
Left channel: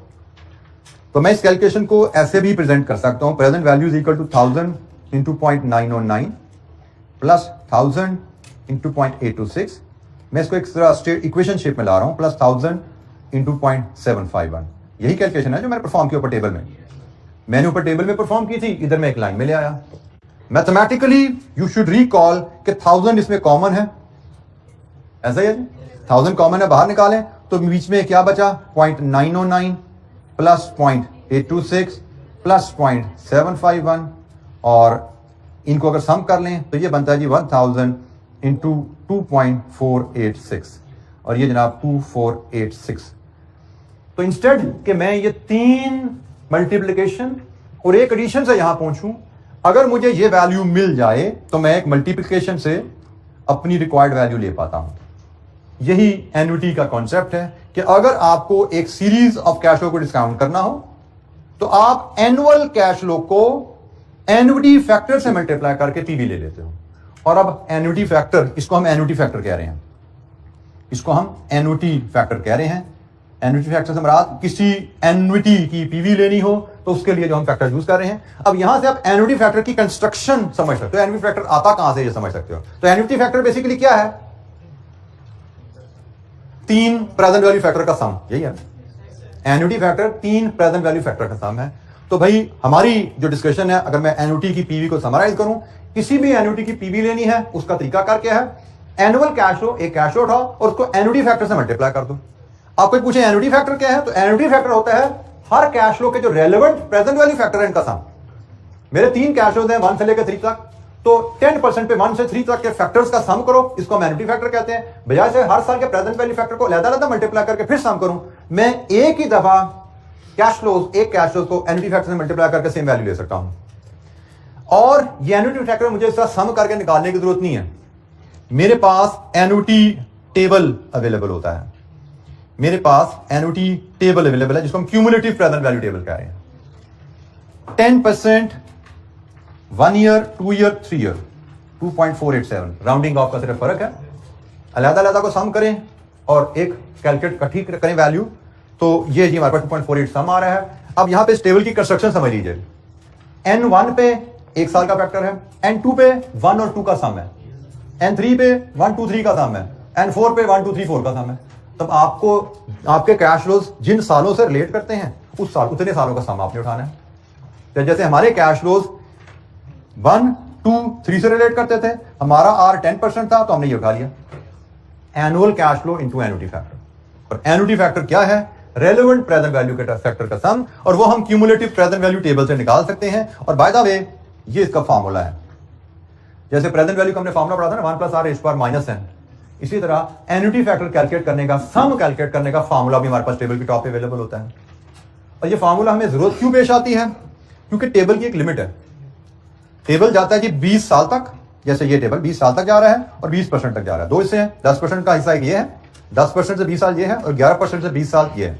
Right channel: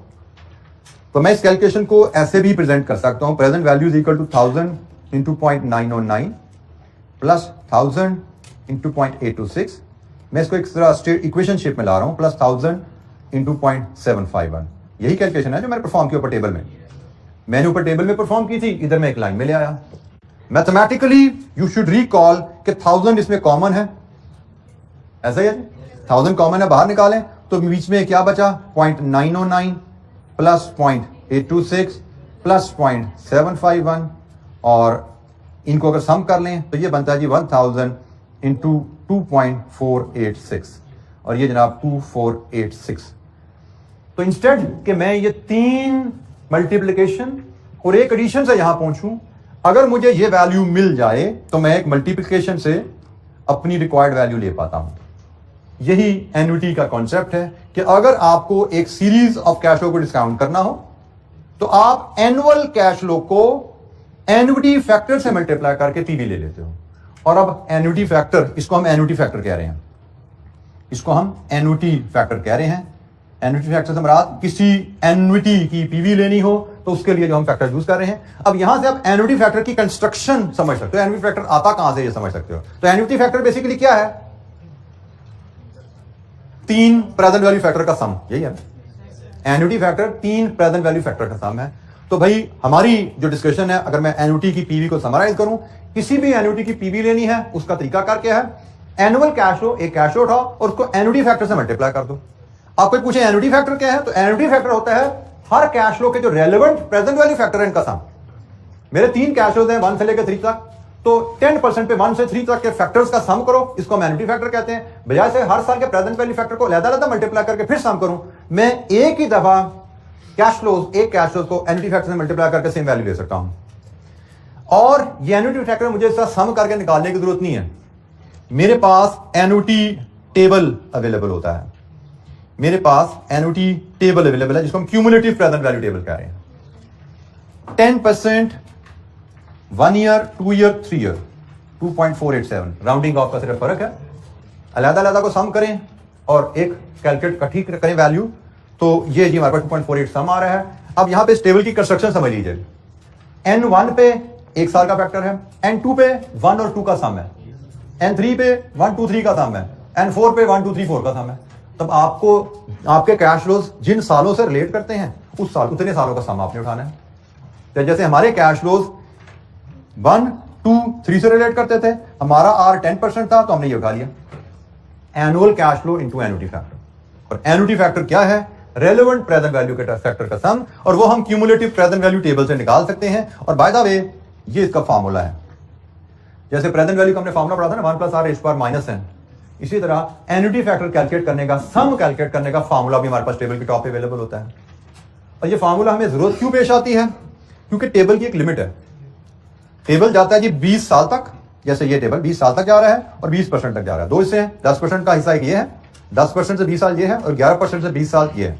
तो मैं इस कैलकुलेशन को ऐसे भी प्रेजेंट कर सकता हूं। Present value is equal to 1000 into 0.909 plus 1000 into 0.826। मैं इसको एक तरह इक्वेशन शेप में ला रहा हूं, प्लस 1000 इंटू 0.751। यही कैलकुलेशन है जो मैंने परफॉर्म किया ऊपर टेबल में। मैंने ऊपर टेबल में परफॉर्म की थी, इधर मैं एक लाइन में ले आया। मैथमेटिकली यू शुड रिकॉल कि 1000 इसमें कॉमन है, ऐसा ही है, 1000 कॉमन है, बाहर निकालें तो बीच में क्या बचा 0.909 प्लस 0.826 प्लस 0.751, और इनको अगर सम कर लें तो ये बनता है जी 1000 इंटू 2.486 और ये जनाब 2486। तो इंस्टेड कि मैं ये 3 मल्टीप्लिकेशन और एक एडिशन से यहां पहुंचूं, अगर मुझे ये वैल्यू मिल जाए तो मैं एक मल्टीप्लिकेशन से अपनी रिक्वायर्ड वैल्यू ले पाता हूं। यही एन्युटी का कॉन्सेप्ट है कि अगर आपको एक सीरीज ऑफ कैश फ्लो को डिस्काउंट करना हो तो आप एनुअल कैश फ्लो को एन्युटी फैक्टर से मल्टीप्लाई करके पीवी ले लेते हो। और अब एन्युटी फैक्टर, इसको हम एन्युटी फैक्टर कह रहे हैं, इसको हम एन्युटी फैक्टर कह रहे हैं। एन्युटी फैक्टर से मुराद किसी एन्युटी की पीवी लेनी हो तो उसके लिए जो हम फैक्टर यूज कर रहे हैं। अब यहां से आप एन्युटी फैक्टर की कंस्ट्रक्शन समझ सकते हो, एन्युटी फैक्टर आता कहां से ये समझ सकते हो। तो एन्युटी फैक्टर बेसिकली क्या है? 3 प्रेजेंट वैल्यू फैक्टर का सम, यही है annuity factor. 3 present value factor का सम है। तो भाई हमारी जो डिस्कशन है, अगर मैं एन्युटी की पीवी को समराइज करूं, किसी भी एन्युटी की पीवी लेनी है, उसका तरीका कर क्या है? एनुअल कैश फ्लो, एक कैश फ्लो उठाओ और उसको एन्युटी फैक्टर से मल्टीप्लाई कर दो। आप कोई पूछे एन्युटी फैक्टर क्या है, तो एन्युटी फैक्टर होता है हर कैश फ्लो के जो रेलेवेंट प्रेजेंट वैल्यू फैक्टर है इनका सम। मेरे 3 कैश फ्लोज हैं 1 से लेकर 3 तक, तो 10% पे 1 से 3 तक के फैक्टर्स का सम करो, इसको हम एन्युटी फैक्टर कहते हैं। बजाय से हर साल के प्रेजेंट वैल्यू फैक्टर को अलग-अलग मल्टीप्लाई करके फिर सम करूं, मैं एक ही दफा कैश फ्लोज, एक कैश फ्लोज को एन्युटी फैक्टर से मल्टीप्लाई करके सेम वैल्यू ले सकता हूं। और ये एन्युटी फैक्टर मुझे इसका सम करके निकालने की जरूरत नहीं है। मेरे पास एन्युटी टेबल अवेलेबल होता है, मेरे पास एन्युटी टेबल अवेलेबल है जिसको हम क्यूमुलेटिव प्रेजेंट वैल्यू टेबल कह रहे हैं। 10%, 1 year, 2 year, 3 year, 2.487, rounding off का सिर्फ फर्क है। अलग-अलग को सम करें और एक कैलकुलेट इकट्ठी करें वैल्यू, तो ये जी हमारे पास 2.48 सम आ रहा है। अब यहां पे इस टेबल की कंस्ट्रक्शन समझ लीजिए। N1 पे 1 साल का फैक्टर है, N2 पे 1 और 2 का सम है, N3 पे 1, 2, 3 का सम है, N4 पे 1, 2, 3, 4 का सम है। तब आपको आपके कैश फ्लोज जिन सालों से रिलेट करते हैं उस साल उतने सालों का सम आपने उठाना है। तो जैसे हमारे कैश फ्लोज 1, 2, 3 से रिलेट करते थे, हमारा R 10% था तो हमने ये उठा लिया, annual cash flow into annuity factor. और एन्युटी फैक्टर क्या है? रेलेवेंट प्रेजेंट वैल्यू के फैक्टर का सम, और वो हम क्यूमुलेटिव प्रेजेंट वैल्यू टेबल से निकाल सकते हैं। और बाय द वे ये इसका फार्मूला है। जैसे प्रेजेंट वैल्यू का हमने फार्मूला पढ़ा था ना, 1 + R - n, इसी तरह एन्युटी फैक्टर कैलकुलेट करने का, सम कैलकुलेट करने का फार्मूला भी हमारे पास टेबल के टॉप पे अवेलेबल होता है। और ये फार्मूला हमें जरूरत क्यों पेश आती है? क्योंकि टेबल की एक लिमिट है। टेबल जाता है जी 20 साल तक, जैसे ये टेबल 20 साल तक जा रहा है और 20% तक जा रहा है। 2 हिस्से हैं, 10% का हिस्सा एक ये है, 10% से 20 साल ये है, और 11% से 20 साल ये है।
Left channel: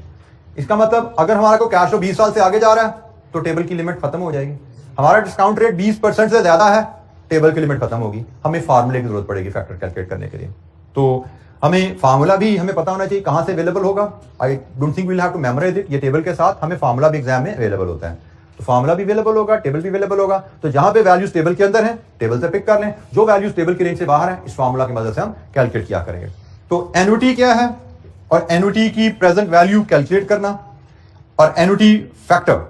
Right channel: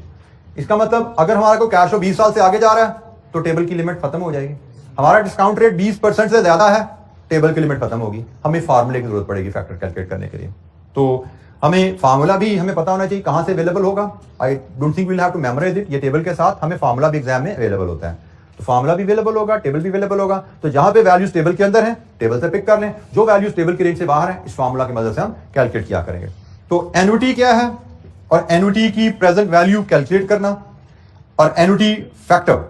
इसका मतलब अगर हमारा कोई कैश फ्लो 20 साल से आगे जा रहा है तो टेबल की लिमिट खत्म हो जाएगी। हमारा डिस्काउंट रेट 20% से ज्यादा है, टेबल की लिमिट खत्म होगी, हमें फार्मूले की जरूरत पड़ेगी फैक्टर कैलकुलेट करने के लिए। तो हमें फार्मूला भी हमें पता होना चाहिए कहां से अवेलेबल होगा। I don't think we will have to memorize it. ये टेबल के साथ हमें फार्मूला भी एग्जाम में अवेलेबल होता है, तो फार्मूला भी अवेलेबल होगा, टेबल भी अवेलेबल होगा। तो जहां पे वैल्यूज टेबल के अंदर है, टेबल से पिक कर लें, जो वैल्यूज टेबल की रेंज से बाहर है, इस फार्मूला की मदद से हम कैलकुलेट किया करेंगे। तो एन्युटी क्या है, और एन्युटी की प्रेजेंट वैल्यू कैलकुलेट करना, और एन्युटी फैक्टर,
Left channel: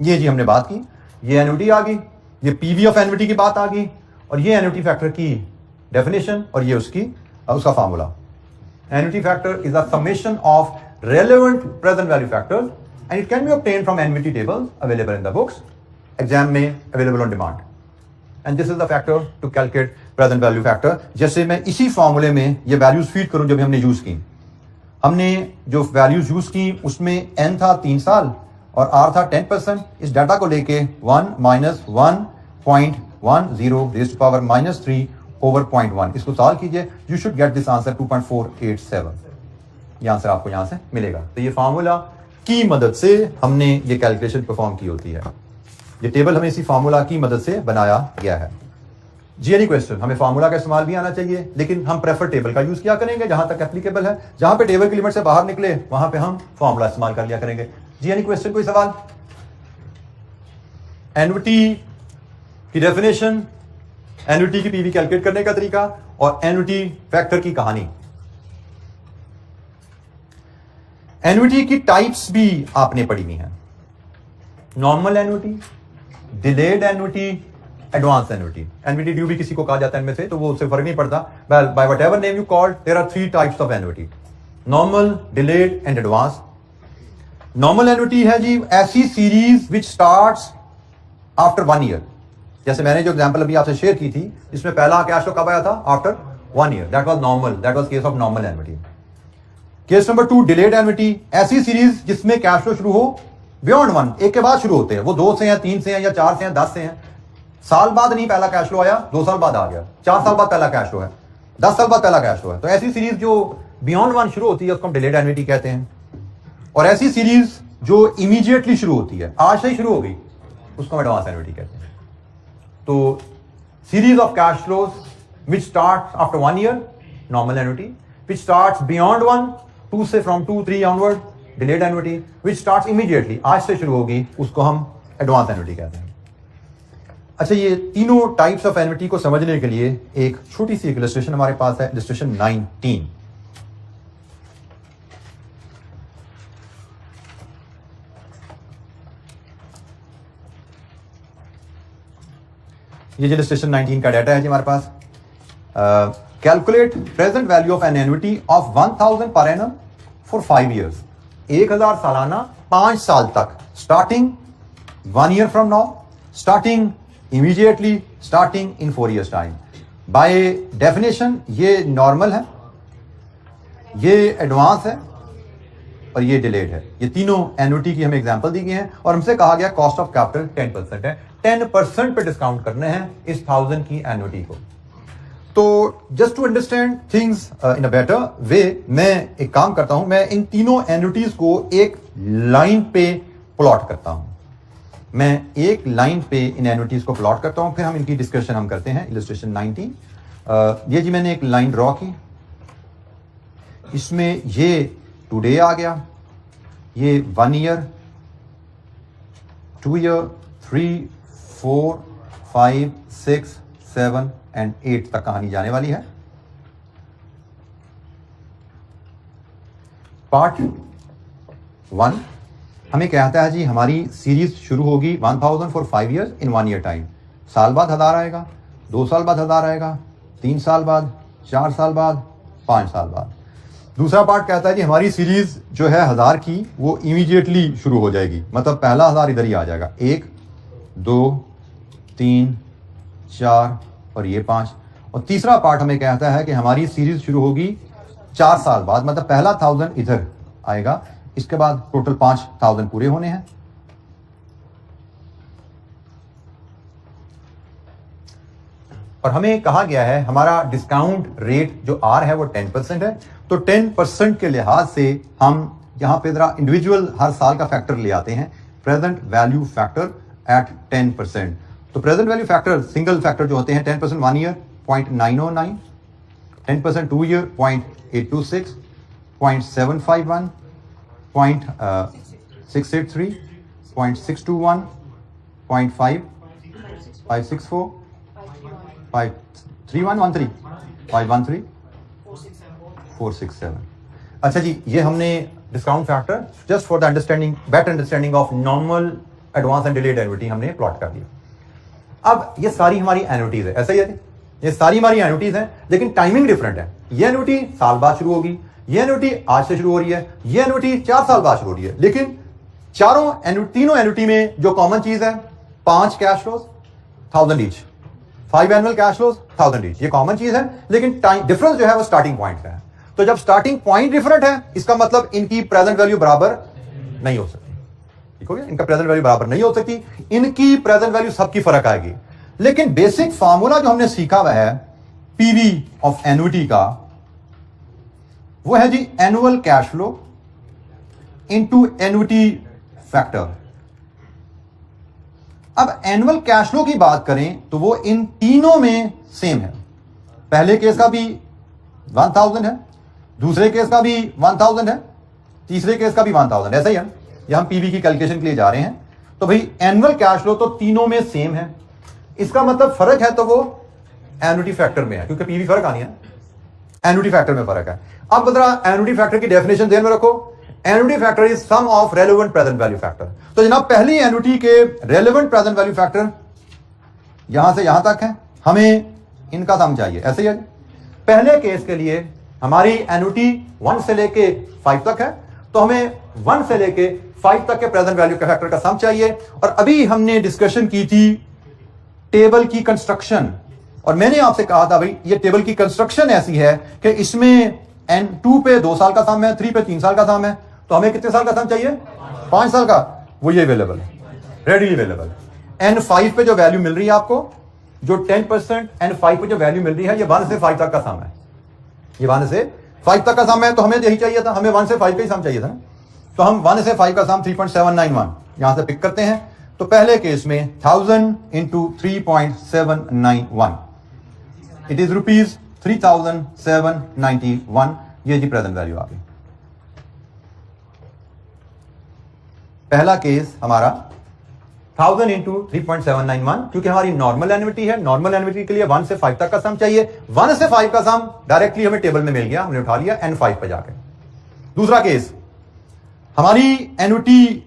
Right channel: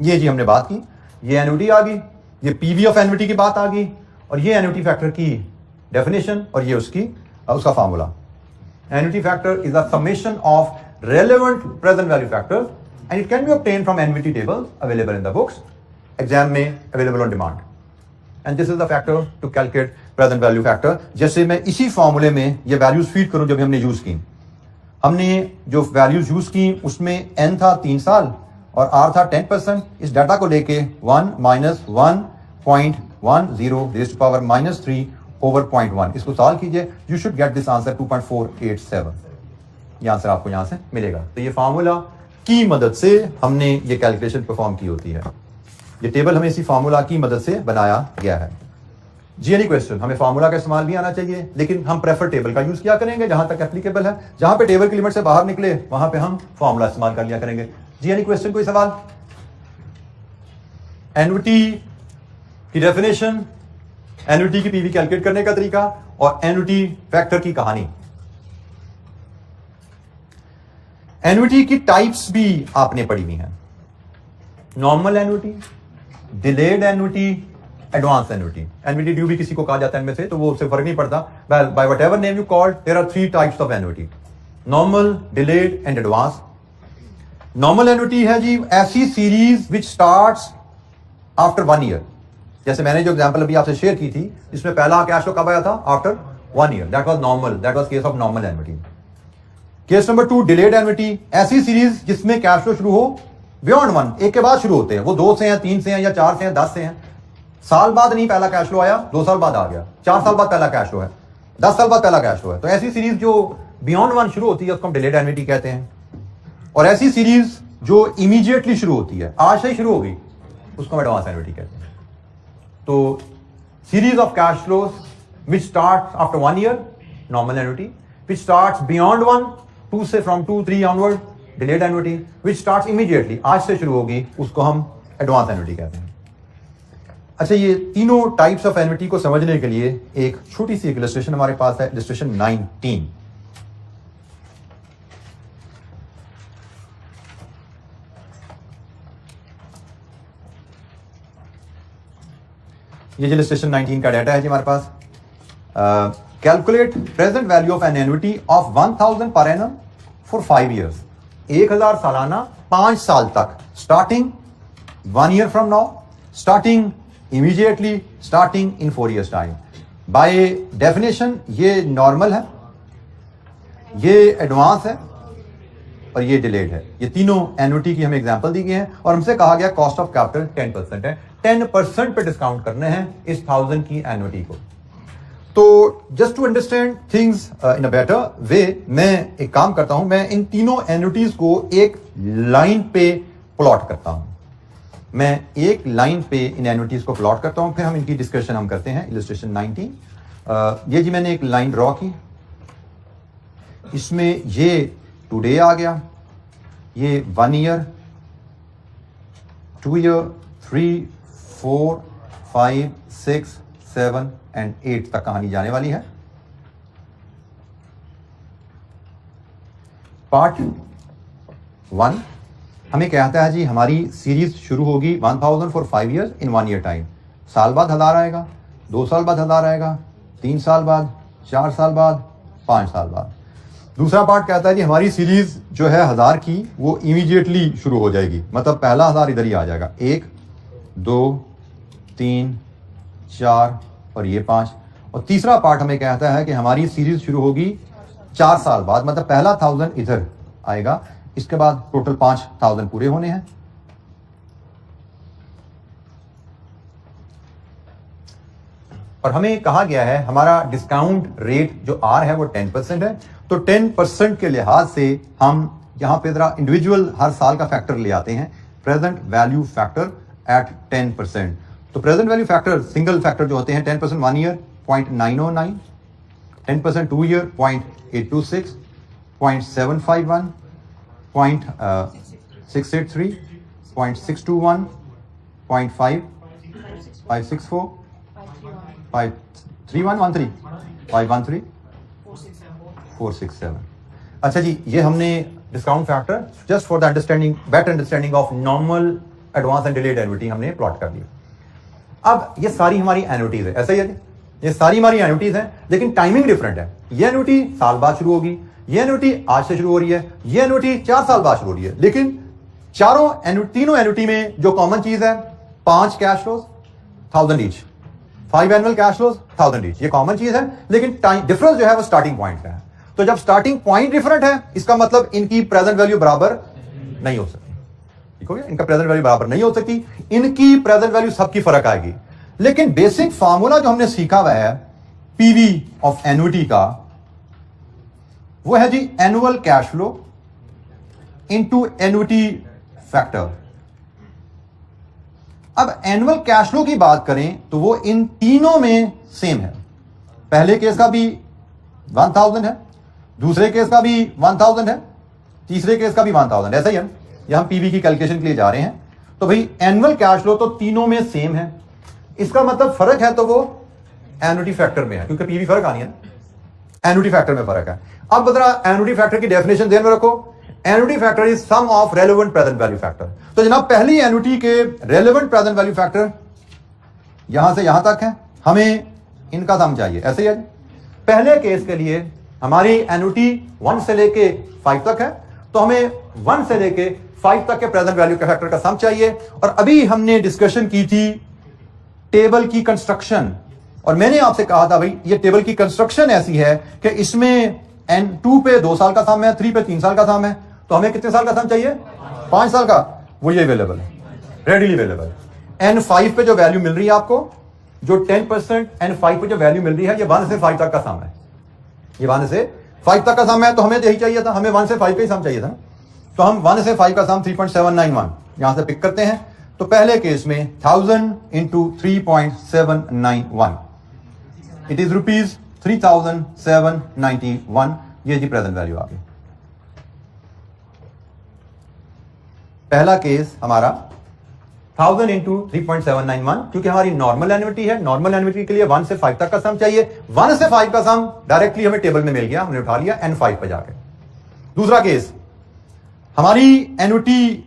ये जी हमने बात की। ये एन्युटी आ गई, ये पीवी ऑफ एन्युटी की बात आ गई, और ये एन्युटी फैक्टर की डेफिनेशन, और ये उसका formula. Annuity factor is a summation of relevant present value factors and it can be obtained from NVT tables available in the books, exam में available on demand, and this is the factor to calculate present value factor। जैसे मैं इसी फॉर्मूले में ये values feed करूं जो भी हमने यूज की, हमने जो वैल्यूज यूज की उसमें n था 3 साल और R था 10%। इस डाटा को लेके 1 - 1.10 raised to power -3 over 0.1, इसको सॉल्व कीजिए, you should get this answer 2.487। ये आंसर आपको यहां से मिलेगा। तो ये फार्मूला की मदद से हमने ये कैलकुलेशन परफॉर्म की होती है। ये टेबल हमें इसी फार्मूला की मदद से बनाया गया है। जी एनी क्वेश्चन? हमें फार्मूला का इस्तेमाल भी आना चाहिए, लेकिन हम प्रेफर टेबल का यूज किया करेंगे जहां तक एप्लीकेबल है। जहां पे टेबल की लिमिट से बाहर निकले वहां पे हम फार्मूला इस्तेमाल कर लिया करेंगे। जी एनी क्वेश्चन? कोई सवाल? एन्युटी की डेफिनेशन, एन्युटी की पीवी कैलकुलेट करने का तरीका, और एन्युटी फैक्टर की कहानी। एन्युटी की टाइप्स भी आपने पढ़ी हुई हैं। Normal annuity, delayed annuity, advance annuity. Annuity due भी किसी को कहा जाता है इनमें से, तो वो उससे फर्क नहीं पड़ता। By whatever name you called, there are 3 types of annuity, normal, delayed and advance. Normal annuity है जी ऐसी series which starts after 1 year. जैसे मैंने जो एग्जांपल अभी आपसे शेयर की थी, इसमें पहला कैश फ्लो कब आया था? After 1 year. That was normal. That was case of normal annuity. Case number 2 delayed annuity, ऐसी सीरीज जिसमें कैश फ्लो शुरू हो बियॉन्ड 1, एक के बाद शुरू होते हैं, वो 2 से हैं, 3 से हैं, या 4 से हैं, 10 से हैं। साल बाद नहीं पहला कैश फ्लो आया, 2 साल बाद आ गया, 4 साल बाद पहला कैश फ्लो है, 10 साल बाद पहला कैश फ्लो है। तो ऐसी सीरीज जो बियॉन्ड 1 शुरू होती है उसको हम डिलेड एन्युटी कहते हैं। और ऐसी सीरीज जो इमीडिएटली शुरू होती है, आज से ही शुरू हो गई, उसको हम एडवांस एन्युटी कहते हैं। तो series of cash flows which start after 1 year, normal annuity, which start beyond 1, 2 से from 2, 3 onward, delayed annuity, which start immediately, आज से शुरू होगी, उसको हम एडवांस एन्युटी कहते हैं। अच्छा, ये तीनों टाइप्स ऑफ एन्युटी को समझने के लिए एक छोटी सी इलस्ट्रेशन हमारे पास है, इलस्ट्रेशन 19। ये इलस्ट्रेशन 19 का डाटा है जी हमारे पास। Calculate present value of an annuity of 1000 per annum for 5 years, 1000 सालाना 5 साल तक, starting 1 year from now, starting immediately, starting in 4 years time. By definition ये नॉर्मल है, ये एडवांस है और ये डिलेड है। ये तीनों एन्युटी की हमें एग्जांपल दी गई है और हमसे कहा गया कॉस्ट ऑफ कैपिटल 10% है, 10% पे डिस्काउंट करने हैं इस 1000 की एन्युटी को। तो just to understand things in a better way, मैं एक काम करता हूं, मैं इन तीनों एन्युटीज को एक लाइन पे प्लॉट करता हूं। मैं एक लाइन पे इन एन्युटीज को प्लॉट करता हूं, फिर हम इनकी डिस्कशन हम करते हैं। इलस्ट्रेशन 19, ये जी मैंने एक लाइन ड्रॉ की, इसमें ये टुडे आ गया, ये 1 year, 2 year, 3, 4, 5, 6, 7 एंड 8 तक कहानी जाने वाली है। पार्ट 1 हमें कहता है जी हमारी सीरीज शुरू होगी 1000 for 5 years in 1 year time. साल बाद 1000 आएगा, 2 साल बाद 1000 आएगा, 3 साल बाद, 4 साल बाद, 5 साल बाद। दूसरा पार्ट कहता है कि हमारी सीरीज जो है 1000 की वो इमीडिएटली शुरू हो जाएगी, मतलब पहला 1000 इधर ही आ जाएगा, 1, 2, 3, 4 और ये 5। और तीसरा पार्ट हमें कहता है कि हमारी सीरीज शुरू होगी 4 साल बाद, मतलब पहला 1000 इधर आएगा, इसके बाद टोटल 5000 पूरे होने हैं। और हमें कहा गया है हमारा डिस्काउंट रेट जो आर है वो 10% है, तो 10% के लिहाज से हम यहां पे जरा इंडिविजुअल हर साल का फैक्टर ले आते हैं, प्रेजेंट वैल्यू फैक्टर एट 10%। तो present value factor single factor जो होते हैं 10% 1 year 0.909, 10% 2 year 0.826, 0.751, 0.683, 0.621, 0.5, 564, 53113, 513, 467। अच्छा जी, ये हमने discount factor just for the understanding, better understanding of normal, advance and delayed annuity हमने प्लॉट कर दिया। अब ये सारी हमारी एन्युटीज है, ऐसा ही है, ये सारी हमारी एन्युटीज हैं, लेकिन टाइमिंग डिफरेंट है। ये एन्युटी साल बाद शुरू होगी, ये एन्युटी आज से शुरू हो रही है, ये एन्युटी 4 साल बाद शुरू हो रही है, लेकिन तीनों एन्युटी में जो कॉमन चीज है, 5 cash flows 1000 each, 5 annual cash flows 1000 each, ये कॉमन चीज है, लेकिन टाइम डिफरेंस जो है वो स्टार्टिंग पॉइंट का है। तो जब स्टार्टिंग पॉइंट डिफरेंट है, इसका मतलब इनकी प्रेजेंट वैल्यू बराबर नहीं हो सकती, ठीक हो गया, इनका प्रेजेंट वैल्यू बराबर नहीं हो सकती, इनकी प्रेजेंट वैल्यू सबकी फर्क आएगी। लेकिन बेसिक फार्मूला जो हमने सीखा हुआ है पीवी ऑफ एन्युटी का, वो है जी annual cash flow into annuity factor. अब एनुअल कैश फ्लो की बात करें तो वो इन तीनों में सेम है। पहले केस का भी 1000 है, दूसरे केस का भी 1000 है, तीसरे केस का भी 1000, ऐसा ही है। यह हम पीवी की कैलकुलेशन के लिए जा रहे हैं, तो भाई एनुअल कैश फ्लो तो तीनों में सेम है, इसका मतलब फर्क है तो वो एन्युटी फैक्टर में है, क्योंकि पीवी फर्क आनी है, एन्युटी फैक्टर में फर्क है। अब जरा एन्युटी फैक्टर की डेफिनेशन ध्यान में रखो, annuity factor is sum of relevant present value factor. तो जनाब पहली एन्युटी के रेलेवेंट प्रेजेंट वैल्यू फैक्टर यहां से यहां तक है, हमें इनका सम चाहिए, ऐसे ही है। पहले केस के लिए हमारी एन्युटी 1 से लेके 5 तक है, तो हमें 1 से लेके 5 तक के प्रेजेंट वैल्यू के फैक्टर का सम चाहिए। और अभी हमने डिस्कशन की थी टेबल की कंस्ट्रक्शन और मैंने आपसे कहा था भाई ये टेबल की कंस्ट्रक्शन ऐसी है कि इसमें N2 पे 2 साल का सम है, 3 पे 3 साल का सम है, तो हमें कितने साल का सम चाहिए? 5 साल का। वो ये अवेलेबल है, रेडीली अवेलेबल। N5 पे जो वैल्यू मिल रही है आपको, जो 10% N5 पे जो वैल्यू मिल रही है, ये 1 से 5 तक का सम है। ये 1 से 5 तक का सम है, तो हमें यही चाहिए था, हमें 1 से 5 का ही सम चाहिए था। तो हम 1 से 5 का सम 3.791 यहां से पिक करते हैं। तो पहले केस में 1000 इंटू 3.791 इट इज रुपीज 3791। ये जी प्रेजेंट वैल्यू आ गई। पहला केस हमारा 1000 इंटू 3.791, क्योंकि हमारी नॉर्मल एन्युटी है, नॉर्मल एन्युटी के लिए 1 से 5 तक का सम चाहिए। 1 से 5 का सम डायरेक्टली हमें टेबल में मिल गया, हमने उठा लिया N5 पे जाके। दूसरा केस, हमारी एन्युटी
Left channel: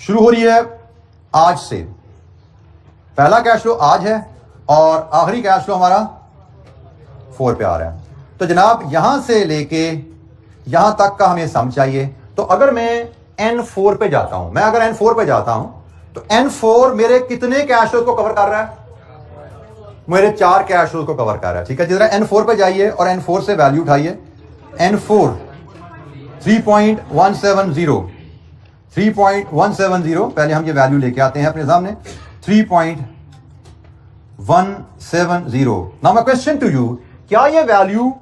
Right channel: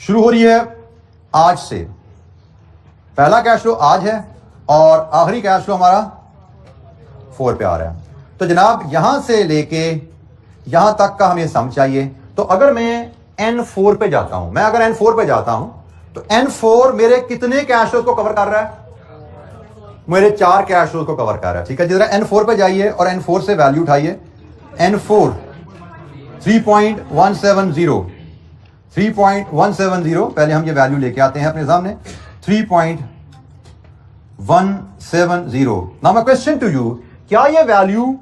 शुरू हो रही है आज से। पहला कैश फ्लो आज है और आखिरी कैश फ्लो हमारा 4 पे आ रहा है। तो जनाब यहां से लेके यहां तक का हमें सम चाहिए। तो अगर मैं N4 पे जाता हूं, मैं अगर N4 पे जाता हूं, तो N4 मेरे कितने कैश फ्लोज को कवर कर रहा है? मेरे 4 कैश फ्लोज को कवर कर रहा है। ठीक है, जरा N4 पे जाइए और N4 से वैल्यू उठाइए। N4 3.170 पहले हम ये वैल्यू लेके आते हैं अपने सामने। 3.170। Now my question to you, क्या ये वैल्यू,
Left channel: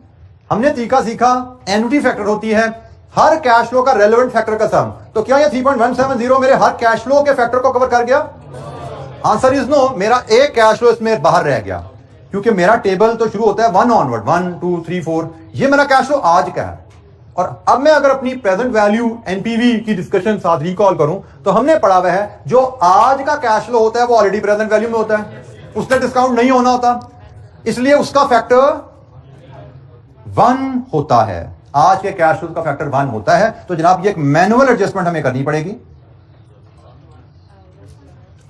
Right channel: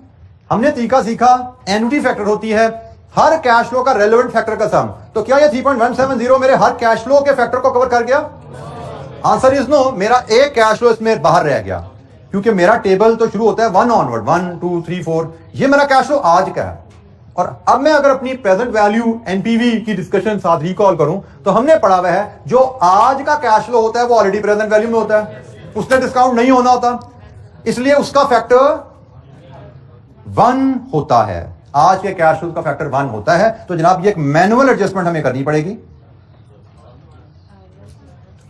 हमने तरीका सीखा एन्युटी फैक्टर होती है हर कैश फ्लो का रेलेवेंट फैक्टर का सम, तो क्या ये 3.170 मेरे हर कैश फ्लो के फैक्टर को कवर कर गया? Answer is no. मेरा एक कैश फ्लो इसमें बाहर रह गया, क्योंकि मेरा टेबल तो शुरू होता है 1 ऑनवर्ड, 1 2 3 4। ये मेरा कैश फ्लो आज का है। और अब मैं अगर अपनी प्रेजेंट वैल्यू एनपीवी की डिस्कशन साथ रिकॉल करूं, तो हमने पढ़ा हुआ है जो आज का कैश फ्लो होता है वो ऑलरेडी प्रेजेंट वैल्यू में होता है, उसने डिस्काउंट नहीं होना होता, इसलिए उसका फैक्टर 1 होता है। आज के कैश फ्लो का फैक्टर 1 होता है। तो जनाब ये एक मैनुअल एडजस्टमेंट हमें करनी पड़ेगी।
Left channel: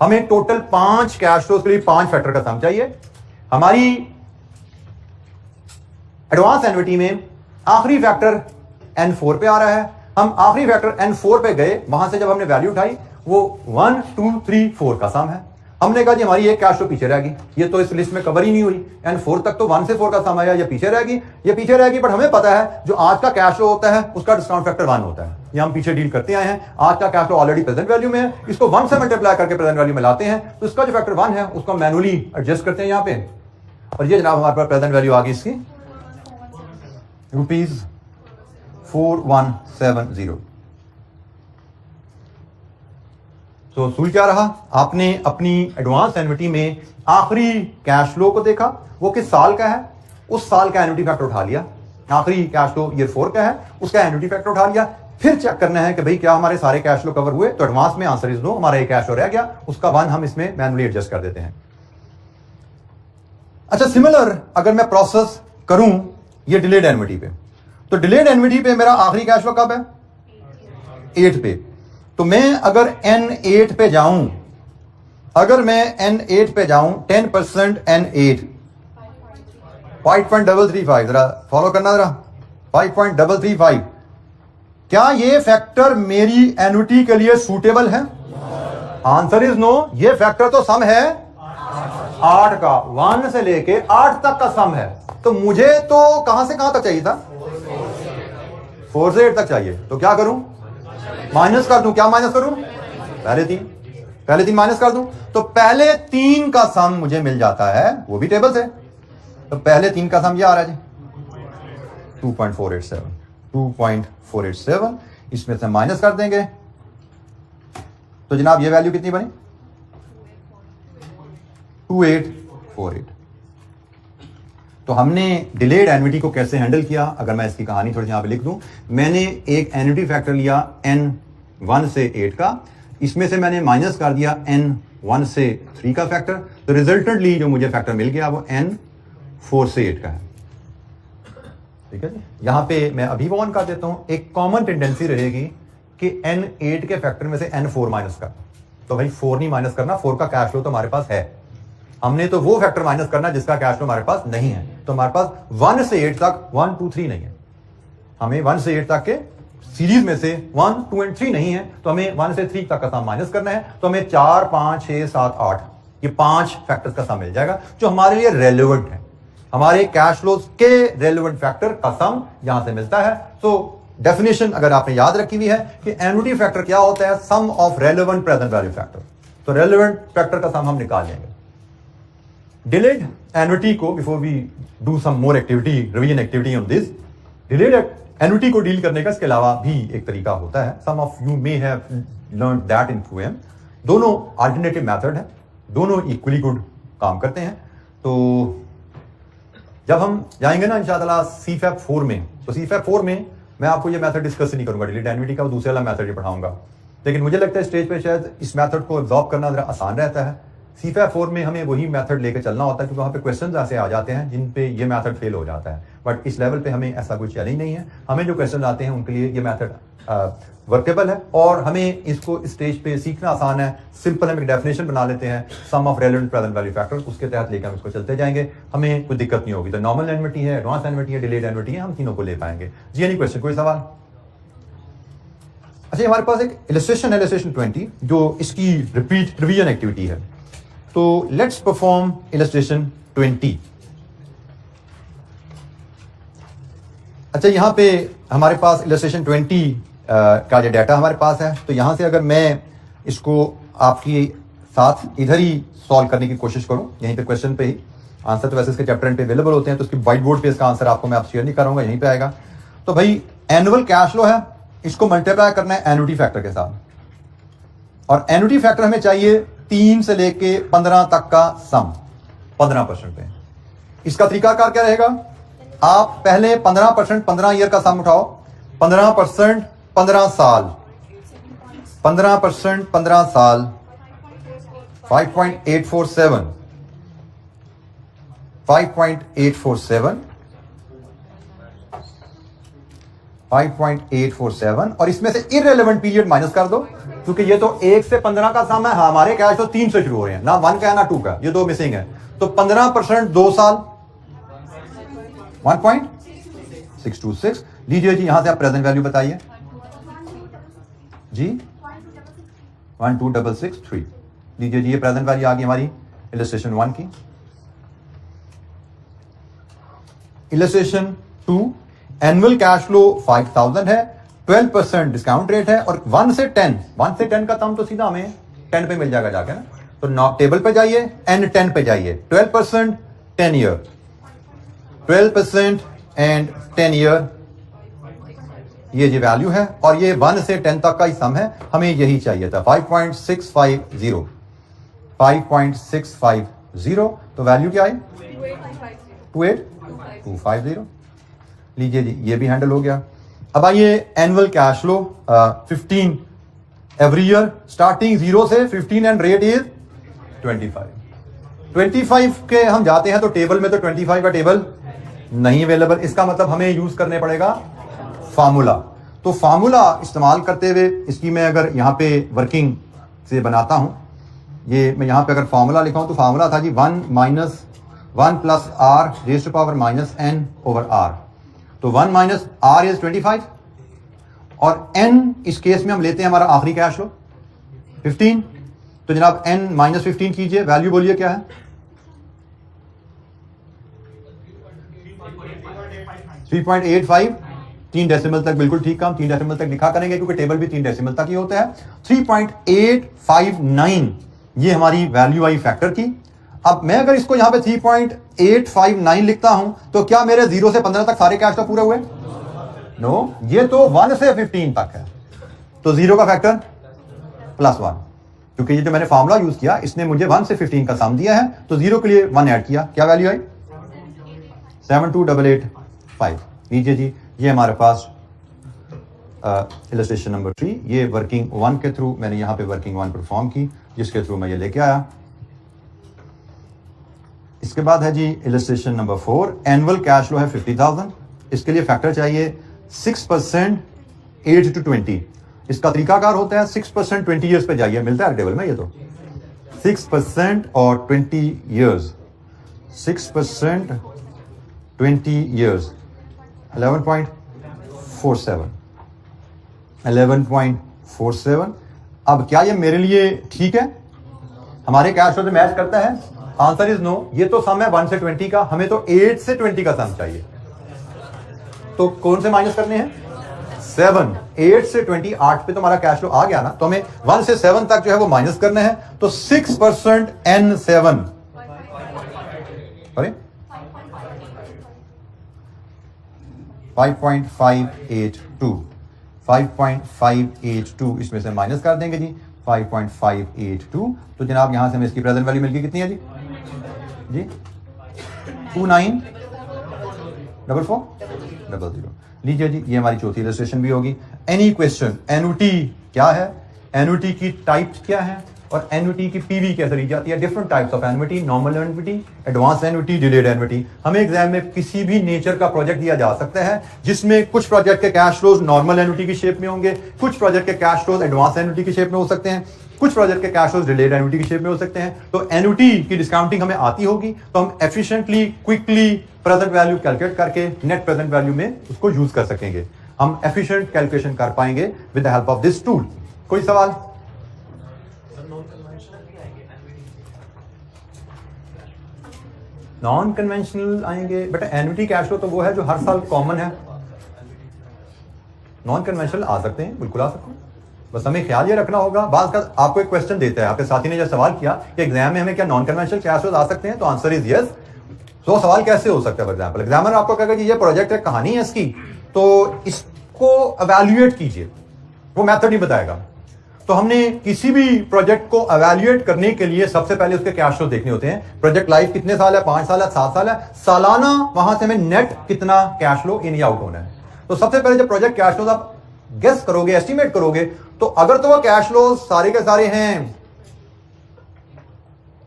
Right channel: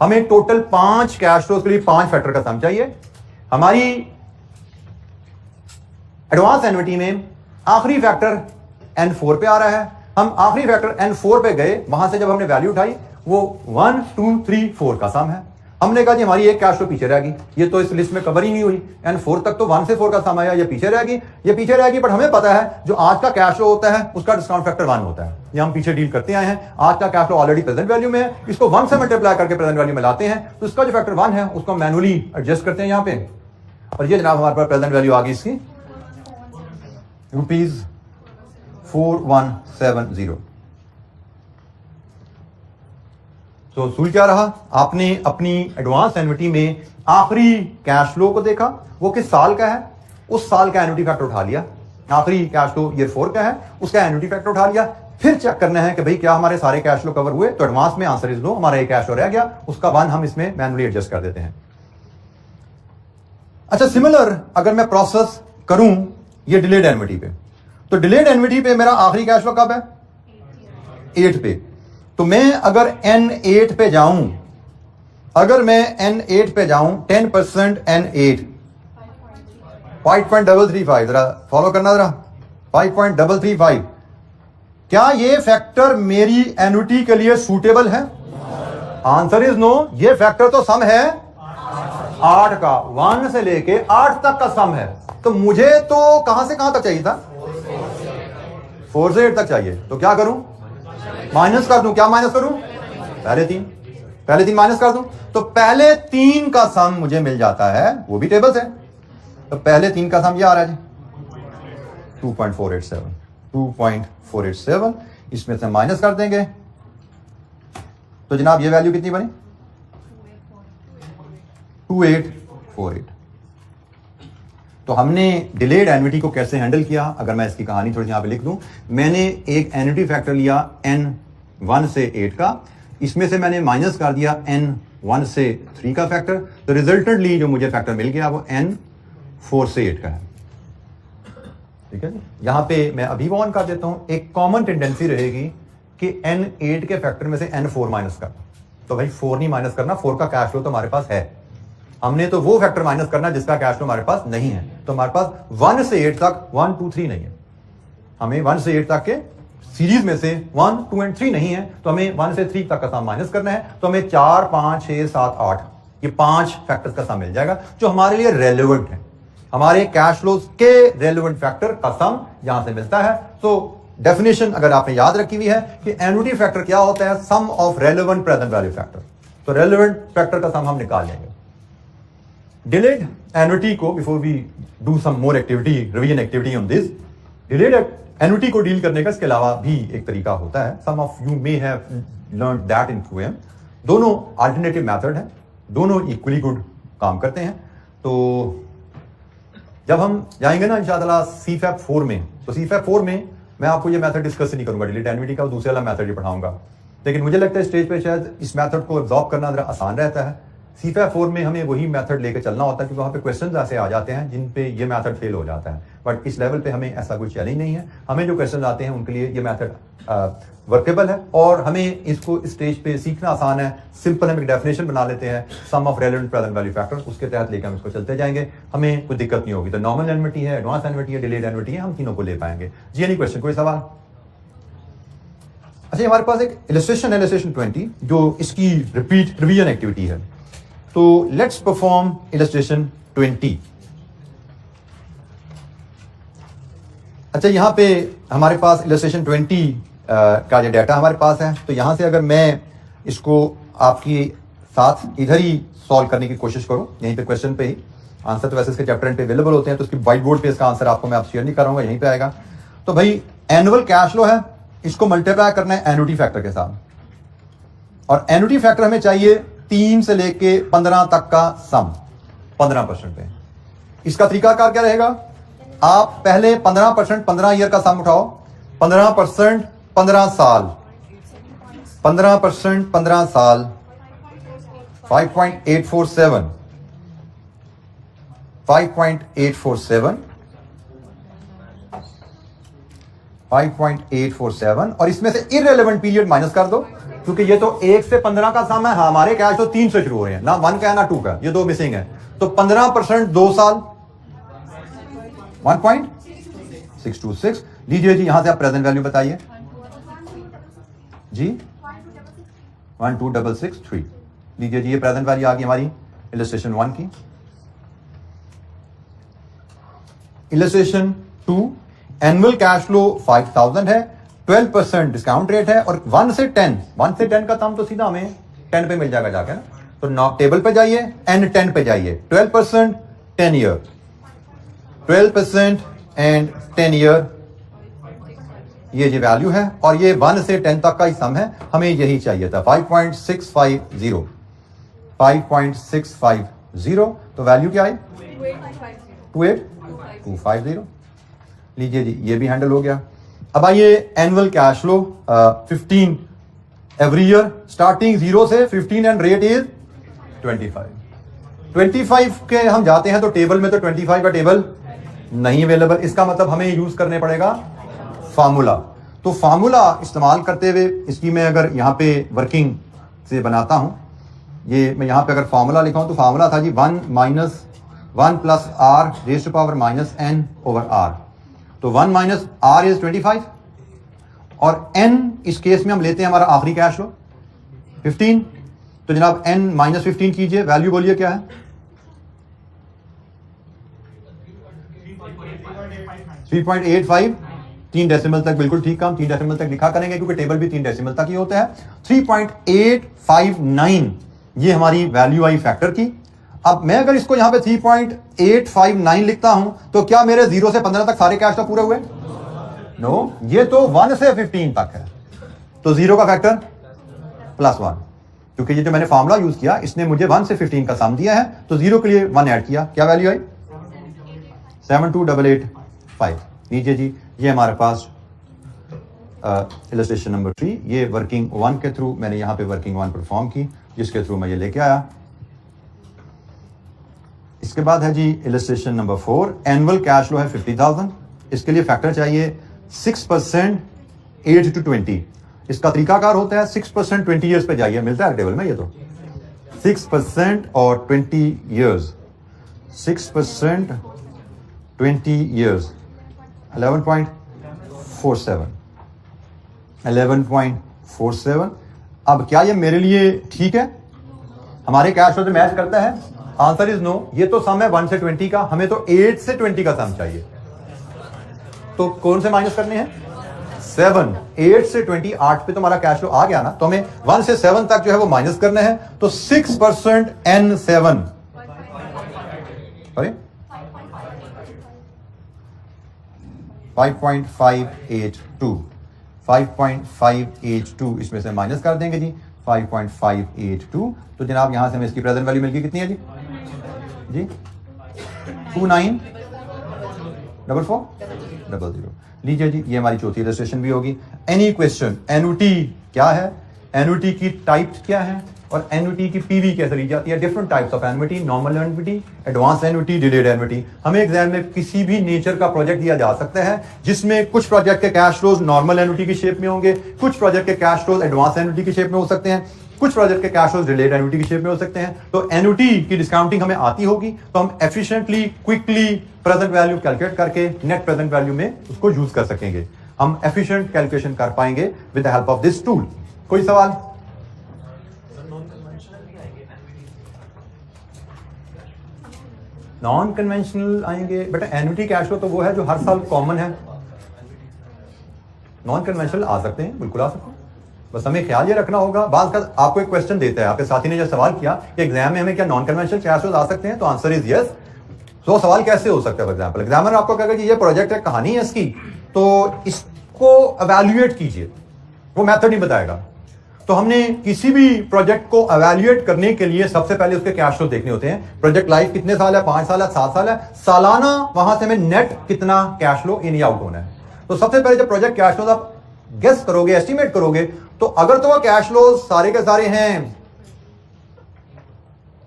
हमें टोटल 5 कैश फ्लोज के लिए 5 फैक्टर का सम चाहिए। हमारी एडवांस एन्युटी में आखिरी फैक्टर N4 पे आ रहा है। हम आखिरी फैक्टर N4 पे गए, वहां से जब हमने वैल्यू उठाई वो 1 2 3 4 का सम है। हमने कहा जी हमारी एक कैश फ्लो पीछे रह गई, ये तो इस लिस्ट में कवर ही नहीं हुई। N4 तक तो 1 से 4 का सम आया, ये पीछे रह गई, ये पीछे रह गई। बट हमें पता है जो आज का कैश फ्लो होता है उसका डिस्काउंट फैक्टर 1 होता है। ये हम पीछे डील करते आए हैं। आज का cash flow already present value में है, इसको 1 से मल्टीप्लाई करके प्रेजेंट वैल्यू में लाते हैं, तो इसका जो फैक्टर 1 है उसको मैनुअली एडजस्ट करते हैं यहाँ पे। और ये जनाब हमारे पास प्रेजेंट वैल्यू आ गई इसकी रुपीज 4170। तो असूल क्या रहा? आपने अपनी एडवांस एन्युटी में आखिरी कैश फ्लो को देखा, वो किस साल का है, उस साल का एन्युटी फैक्टर उठा लिया। आखिरी कैश फ्लो ईयर 4 का है, उसका एन्युटी फैक्टर उठा लिया। फिर चेक करना है कि भाई क्या हमारे सारे कैश फ्लो कवर हुए, तो एडवांस में आंसर इज नो, हमारा एक कैश फ्लो रह गया, उसका 1 हम इसमें मैनुअली एडजस्ट कर देते हैं। अच्छा, सिमिलर अगर मैं प्रोसेस करूं ये डिलेड एन्युटी पे, तो डिलेड एन्युटी पे मेरा आखिरी कैश फ्लो कब है? 8 पे। तो मैं अगर N8 पे जाऊं, अगर मैं N8 पे जाऊं, 10% N8 5.335, जरा फॉलो करना जरा, 5.335। क्या ये फैक्टर मेरी एन्युटी के लिए सूटेबल है? Answer is no. ये फैक्टर तो सम है 8 का, 1 से लेके 8 तक का सम है। तो मुझे तो कहां से कहां तक चाहिए था? 4 से 8 तक चाहिए। तो क्या करूं? माइनस कर दूं। क्या माइनस करूं? पहले 3 माइनस कर दूं, तो पहले 3 का सम मुझे मिल जाता है, वो भी टेबल से। तो पहले 3 का सम ये आ रहा है जी 2.487। इसमें से माइनस कर देंगे तो जनाब ये वैल्यू कितनी बनी? 2848। तो हमने डिलेड एन्युटी को कैसे हैंडल किया, अगर मैं इसकी कहानी थोड़ी सी यहां पे लिख दूं। मैंने एक एन्युटी फैक्टर लिया N1 से 8 का, इसमें से मैंने माइनस कर दिया N1 से 3 का फैक्टर, तो रिजल्टेंटली जो मुझे फैक्टर मिल गया वो N4 से 8 का है। ठीक है, यहां पे मैं अभी वो ऑन कर देता हूं। एक कॉमन टेंडेंसी रहेगी कि N8 के फैक्टर में से N4 माइनस कर, तो भाई 4 नहीं माइनस करना, 4 का कैश फ्लो तो हमारे पास है। हमने तो वो फैक्टर माइनस करना जिसका कैश फ्लो हमारे पास नहीं है। तो हमारे पास 1 से 8 तक 1 2 3 नहीं है, हमें 1 से 8 तक के सीरीज में से 1 2 और 3 नहीं है, तो हमें 1 से 3 तक का सम माइनस करना है। तो हमें 4 5 6 7 8 ये 5 फैक्टर्स का सम मिल जाएगा जो हमारे लिए रेलेवेंट है, हमारे कैश फ्लोज के रेलेवेंट फैक्टर का सम यहां से मिलता है। तो डेफिनेशन अगर आपने याद रखी हुई है कि एन्युटी फैक्टर क्या होता है, सम of relevant present value factor. तो रेलेवेंट फैक्टर का सम हम निकाल लेंगे। डिलेड एन्युटी को, before we do some more activity, revision activity on this, delayed annuity को डील करने का इसके अलावा भी एक तरीका होता है। सम of you may have learned that in QM। दोनों अल्टरनेटिव मेथड है, दोनों इक्वली गुड काम करते हैं। तो जब हम जाएंगे ना इंशाअल्लाह CFAP 4 में, तो CFAP 4 में मैं आपको ये मेथड डिस्कस नहीं करूंगा, डिलीट एन्युटी का दूसरे वाला मेथड ही पढ़ाऊंगा। लेकिन मुझे लगता है स्टेज पे शायद इस मेथड को एब्जॉर्ब करना जरा आसान रहता है। CFAP 4 में हमें वही मेथड लेकर चलना होता है क्योंकि वहाँ पे क्वेश्चंस ऐसे आ जाते हैं जिन पे ये मेथड फेल हो जाता है। बट इस लेवल पे हमें ऐसा कोई चैलेंज नहीं है, हमें जो क्वेश्चन आते हैं उनके लिए ये मेथड वर्केबल है और हमें इसको स्टेज पे सीखना आसान है। सिंपल हम एक डेफिनेशन बना लेते हैं, sum of relevant present value factor, उसके तहत लेकर हम इसको चलते जाएंगे, हमें कोई दिक्कत नहीं होगी। तो नॉर्मल एन्युटी है, एडवांस एन्युटी है, डिलेड एन्युटी है, हम तीनों को ले पाएंगे। जी एनी क्वेश्चन, कोई सवाल? अच्छा, हमारे पास एक इलस्ट्रेशन है, इलस्ट्रेशन 20, जो इसकी रिपीट रिवीजन एक्टिविटी है। तो लेट्स परफॉर्म इलस्ट्रेशन 20। अच्छा, यहां पे हमारे पास इलस्ट्रेशन 20 का जो डाटा हमारे पास है, तो यहां से अगर मैं इसको आपकी साथ इधर ही सॉल्व करने की कोशिश करूं, यहीं पे क्वेश्चन पे ही आंसर, तो वैसे इसके चैप्टर एंड पे अवेलेबल होते हैं, तो उसकी व्हाइट बोर्ड पे इसका आंसर आपको मैं शेयर नहीं करूंगा, यहीं पे आएगा। तो भाई एनुअल कैश फ्लो है, इसको मल्टीप्लाई करना है एन्युटी फैक्टर के साथ, और एन्युटी फैक्टर हमें चाहिए 3 से लेके 15 तक का सम 15% पे। इसका तरीकाकार क्या रहेगा? आप पहले 15% 15 ईयर का सम उठाओ, 15% 15 साल, 15% 15 साल, 5.847, 5.847, 5.847, और इसमें से इररेलेवेंट पीरियड माइनस कर दो, क्योंकि ये तो 1 से 15 का सम है, हमारे कैश तो 3 से शुरू हो रहे हैं, ना 1 का है ना 2 का, ये 2 मिसिंग है। तो 15% 2 साल 1.626 लीजिए जी। यहां से आप प्रेजेंट वैल्यू बताइए जी, 12663 लीजिए जी, ये प्रेजेंट वैल्यू आ गई हमारी इलस्ट्रेशन 1 की। इलस्ट्रेशन 2, एनुअल कैश फ्लो 5000 है, 12% डिस्काउंट रेट है, और 1 से 10 का सम तो सीधा हमें 10 पे मिल जाएगा जाके ना। तो नॉट टेबल पे जाइए, एंड 10 पे जाइए, 12% 10 ईयर, 12% एंड 10 ईयर, ये जो वैल्यू है, और ये 1 से 10 तक का ही सम है, हमें यही चाहिए था 5.650, 5.650। तो वैल्यू क्या आई? 28250 लीजिए जी, ये भी हैंडल हो गया। अब आइए annual cash flow 15 every year, starting 0 से 15 एंड रेट इज 25 के हम जाते हैं तो टेबल में तो 25 का टेबल नहीं अवेलेबल, इसका मतलब हमें यूज करने पड़ेगा फार्मूला। तो फार्मूला इस्तेमाल करते हुए इसकी मैं अगर यहां पे वर्किंग से बनाता हूं, ये मैं यहां पे अगर फार्मूला लिखा हूं तो फार्मूला था जी 1 minus 1 plus r raise to power minus n over r। तो 1 माइनस r इज 25, और n इस केस में हम लेते हैं हमारा आखिरी कैश फ्लो 15। तो जनाब n माइनस 15 कीजिए, वैल्यू बोलिए क्या है? 3.85, 3 डेसिमल तक, बिल्कुल ठीक काम, 3 डेसिमल तक लिखा करेंगे क्योंकि टेबल भी 3 डेसिमल तक ही होता है। 3.859 ये हमारी वैल्यू आई फैक्टर की। अब मैं अगर इसको यहां पे 3.859 लिखता हूं तो क्या मेरे 0 से 15 तक सारे कैश तो पूरे हुए? नो, ये तो 1 से 15 तक है, तो 0 का फैक्टर +1, क्योंकि ये जो मैंने फार्मूला यूज किया इसने मुझे 1 से 15 का सम दिया है, तो 0 के लिए 1 ऐड किया, क्या वैल्यू आई? 72885 लीजिए जी, ये हमारे पास इलस्ट्रेशन नंबर 3, ये वर्किंग 1 के थ्रू मैंने यहां पे वर्किंग 1 परफॉर्म की, जिसके थ्रू मैं ये लेके आया। इसके बाद है जी illustration number 4, annual cash flow है 50,000, इसके लिए फैक्टर चाहिए 6% 8 to 20। इसका तरीकाकार होता है 6% 20 ईयर्स पे जाइए, मिलता है टेबल में, ये तो 6% और 20 ईयर्स, 6% 20 ईयर्स 11.47, 11.47। अब क्या ये मेरे लिए ठीक है? हमारे कैश फ्लो से मैच करता है? Answer is no. ये तो सम है 1 से 20 का, हमें तो 8 से 20 का सम चाहिए। तो कौन से माइनस करने हैं? 7। 8 से 20, 8 पे तो हमारा कैश फ्लो आ गया ना, तो हमें 1 से 7 तक जो है वो माइनस करना है। तो 6% N7 सॉरी 5.582 5.582 इसमें से माइनस कर देंगे जी 5.582। तो जनाब यहां से हमें इसकी प्रेजेंट वैल्यू मिल गई, कितनी है जी 294400। लीजिए जी, ये हमारी चौथी इलस्ट्रेशन भी होगी। एनी क्वेश्चन, एनुटी क्या है, एनुटी की टाइप्स क्या है, और एनुटी की पीवी कैसे ली जाती है। Different types of annuity, normal annuity, advance annuity, delayed annuity. हमें एग्जाम में किसी भी नेचर का प्रोजेक्ट दिया जा सकता है जिसमें कुछ प्रोजेक्ट के कैश फ्लोज नॉर्मल एनुटी की शेप में होंगे, कुछ प्रोजेक्ट के कैश फ्लोज एडवांस एनुटी की शेप में हो सकते हैं, कुछ प्रोजेक्ट के कैश फ्लोज डिलेड एनुटी की शेप में हो सकते हैं। तो एनुटी की डिस्काउंटिंग हमें आती होगी तो हम efficiently, quickly present value calculate करके नेट प्रेजेंट वैल्यू में उसको यूज कर सकेंगे। हम एफिशिएंट कैलकुलेशन कर पाएंगे with the help of this tool. कोई सवाल? नॉन कन्वेंशनल आएंगे बेटा। एन्युटी कैश फ्लो तो वो है जो हर साल कॉमन है। नॉन कन्वेंशनल आ सकते हैं, बिल्कुल आ सकते हैं, बस हमें ख्याल ये रखना होगा। बाद का आपको एक क्वेश्चन देता है, आपके साथी ने जो सवाल किया कि एग्जाम में हमें क्या नॉन कन्वेंशनल कैश फ्लो आ सकते हैं, तो आंसर इज यस। तो सवाल कैसे हो सकता है? फॉर एग्जाम्पल एग्जामिनर आपको कहेगा कि ये प्रोजेक्ट है, कहानी है इसकी, तो इसको एवेल्युएट कीजिए, वो मेथड ही बताएगा। तो हमने किसी भी प्रोजेक्ट को एवेल्युएट करने के लिए सबसे पहले उसके कैश फ्लो देखने होते हैं। प्रोजेक्ट लाइफ कितने साल है, 5 साल है, 7 साल है, सालाना वहां से हमें नेट कितना कैश फ्लो इन या आउट होना है। तो सबसे पहले जब प्रोजेक्ट कैश फ्लो आप गेस करोगे, एस्टिमेट करोगे, तो अगर तो वो कैश फ्लो सारे के सारे हैं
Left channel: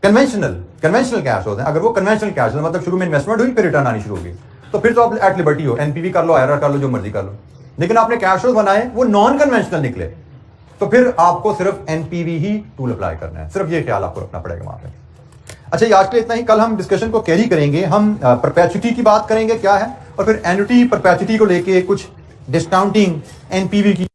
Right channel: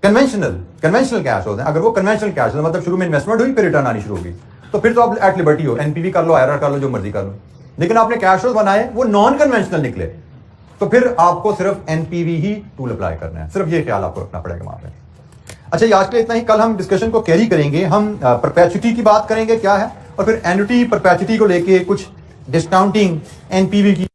कन्वेंशनल कैश फ्लो हैं, अगर वो कन्वेंशनल कैश फ्लो मतलब शुरू में इन्वेस्टमेंट हुई फिर रिटर्न आनी शुरू होगी, तो फिर तो आप एट लिबर्टी हो, एनपीवी कर लो, आईआरआर कर लो, जो मर्जी कर लो। लेकिन आपने कैश फ्लो बनाए वो नॉन कन्वेंशनल निकले, तो फिर आपको सिर्फ एनपीवी ही टूल अप्लाई करना है। सिर्फ ये ख्याल आपको रखना पड़ेगा वहां पे। अच्छा, ये आज के लिए इतना ही। कल हम डिस्कशन को कैरी करेंगे, हम परपेचुटी की बात करेंगे क्या है, और फिर एन्युटी परपेचुटी को लेके कुछ डिस्काउंटिंग एनपीवी की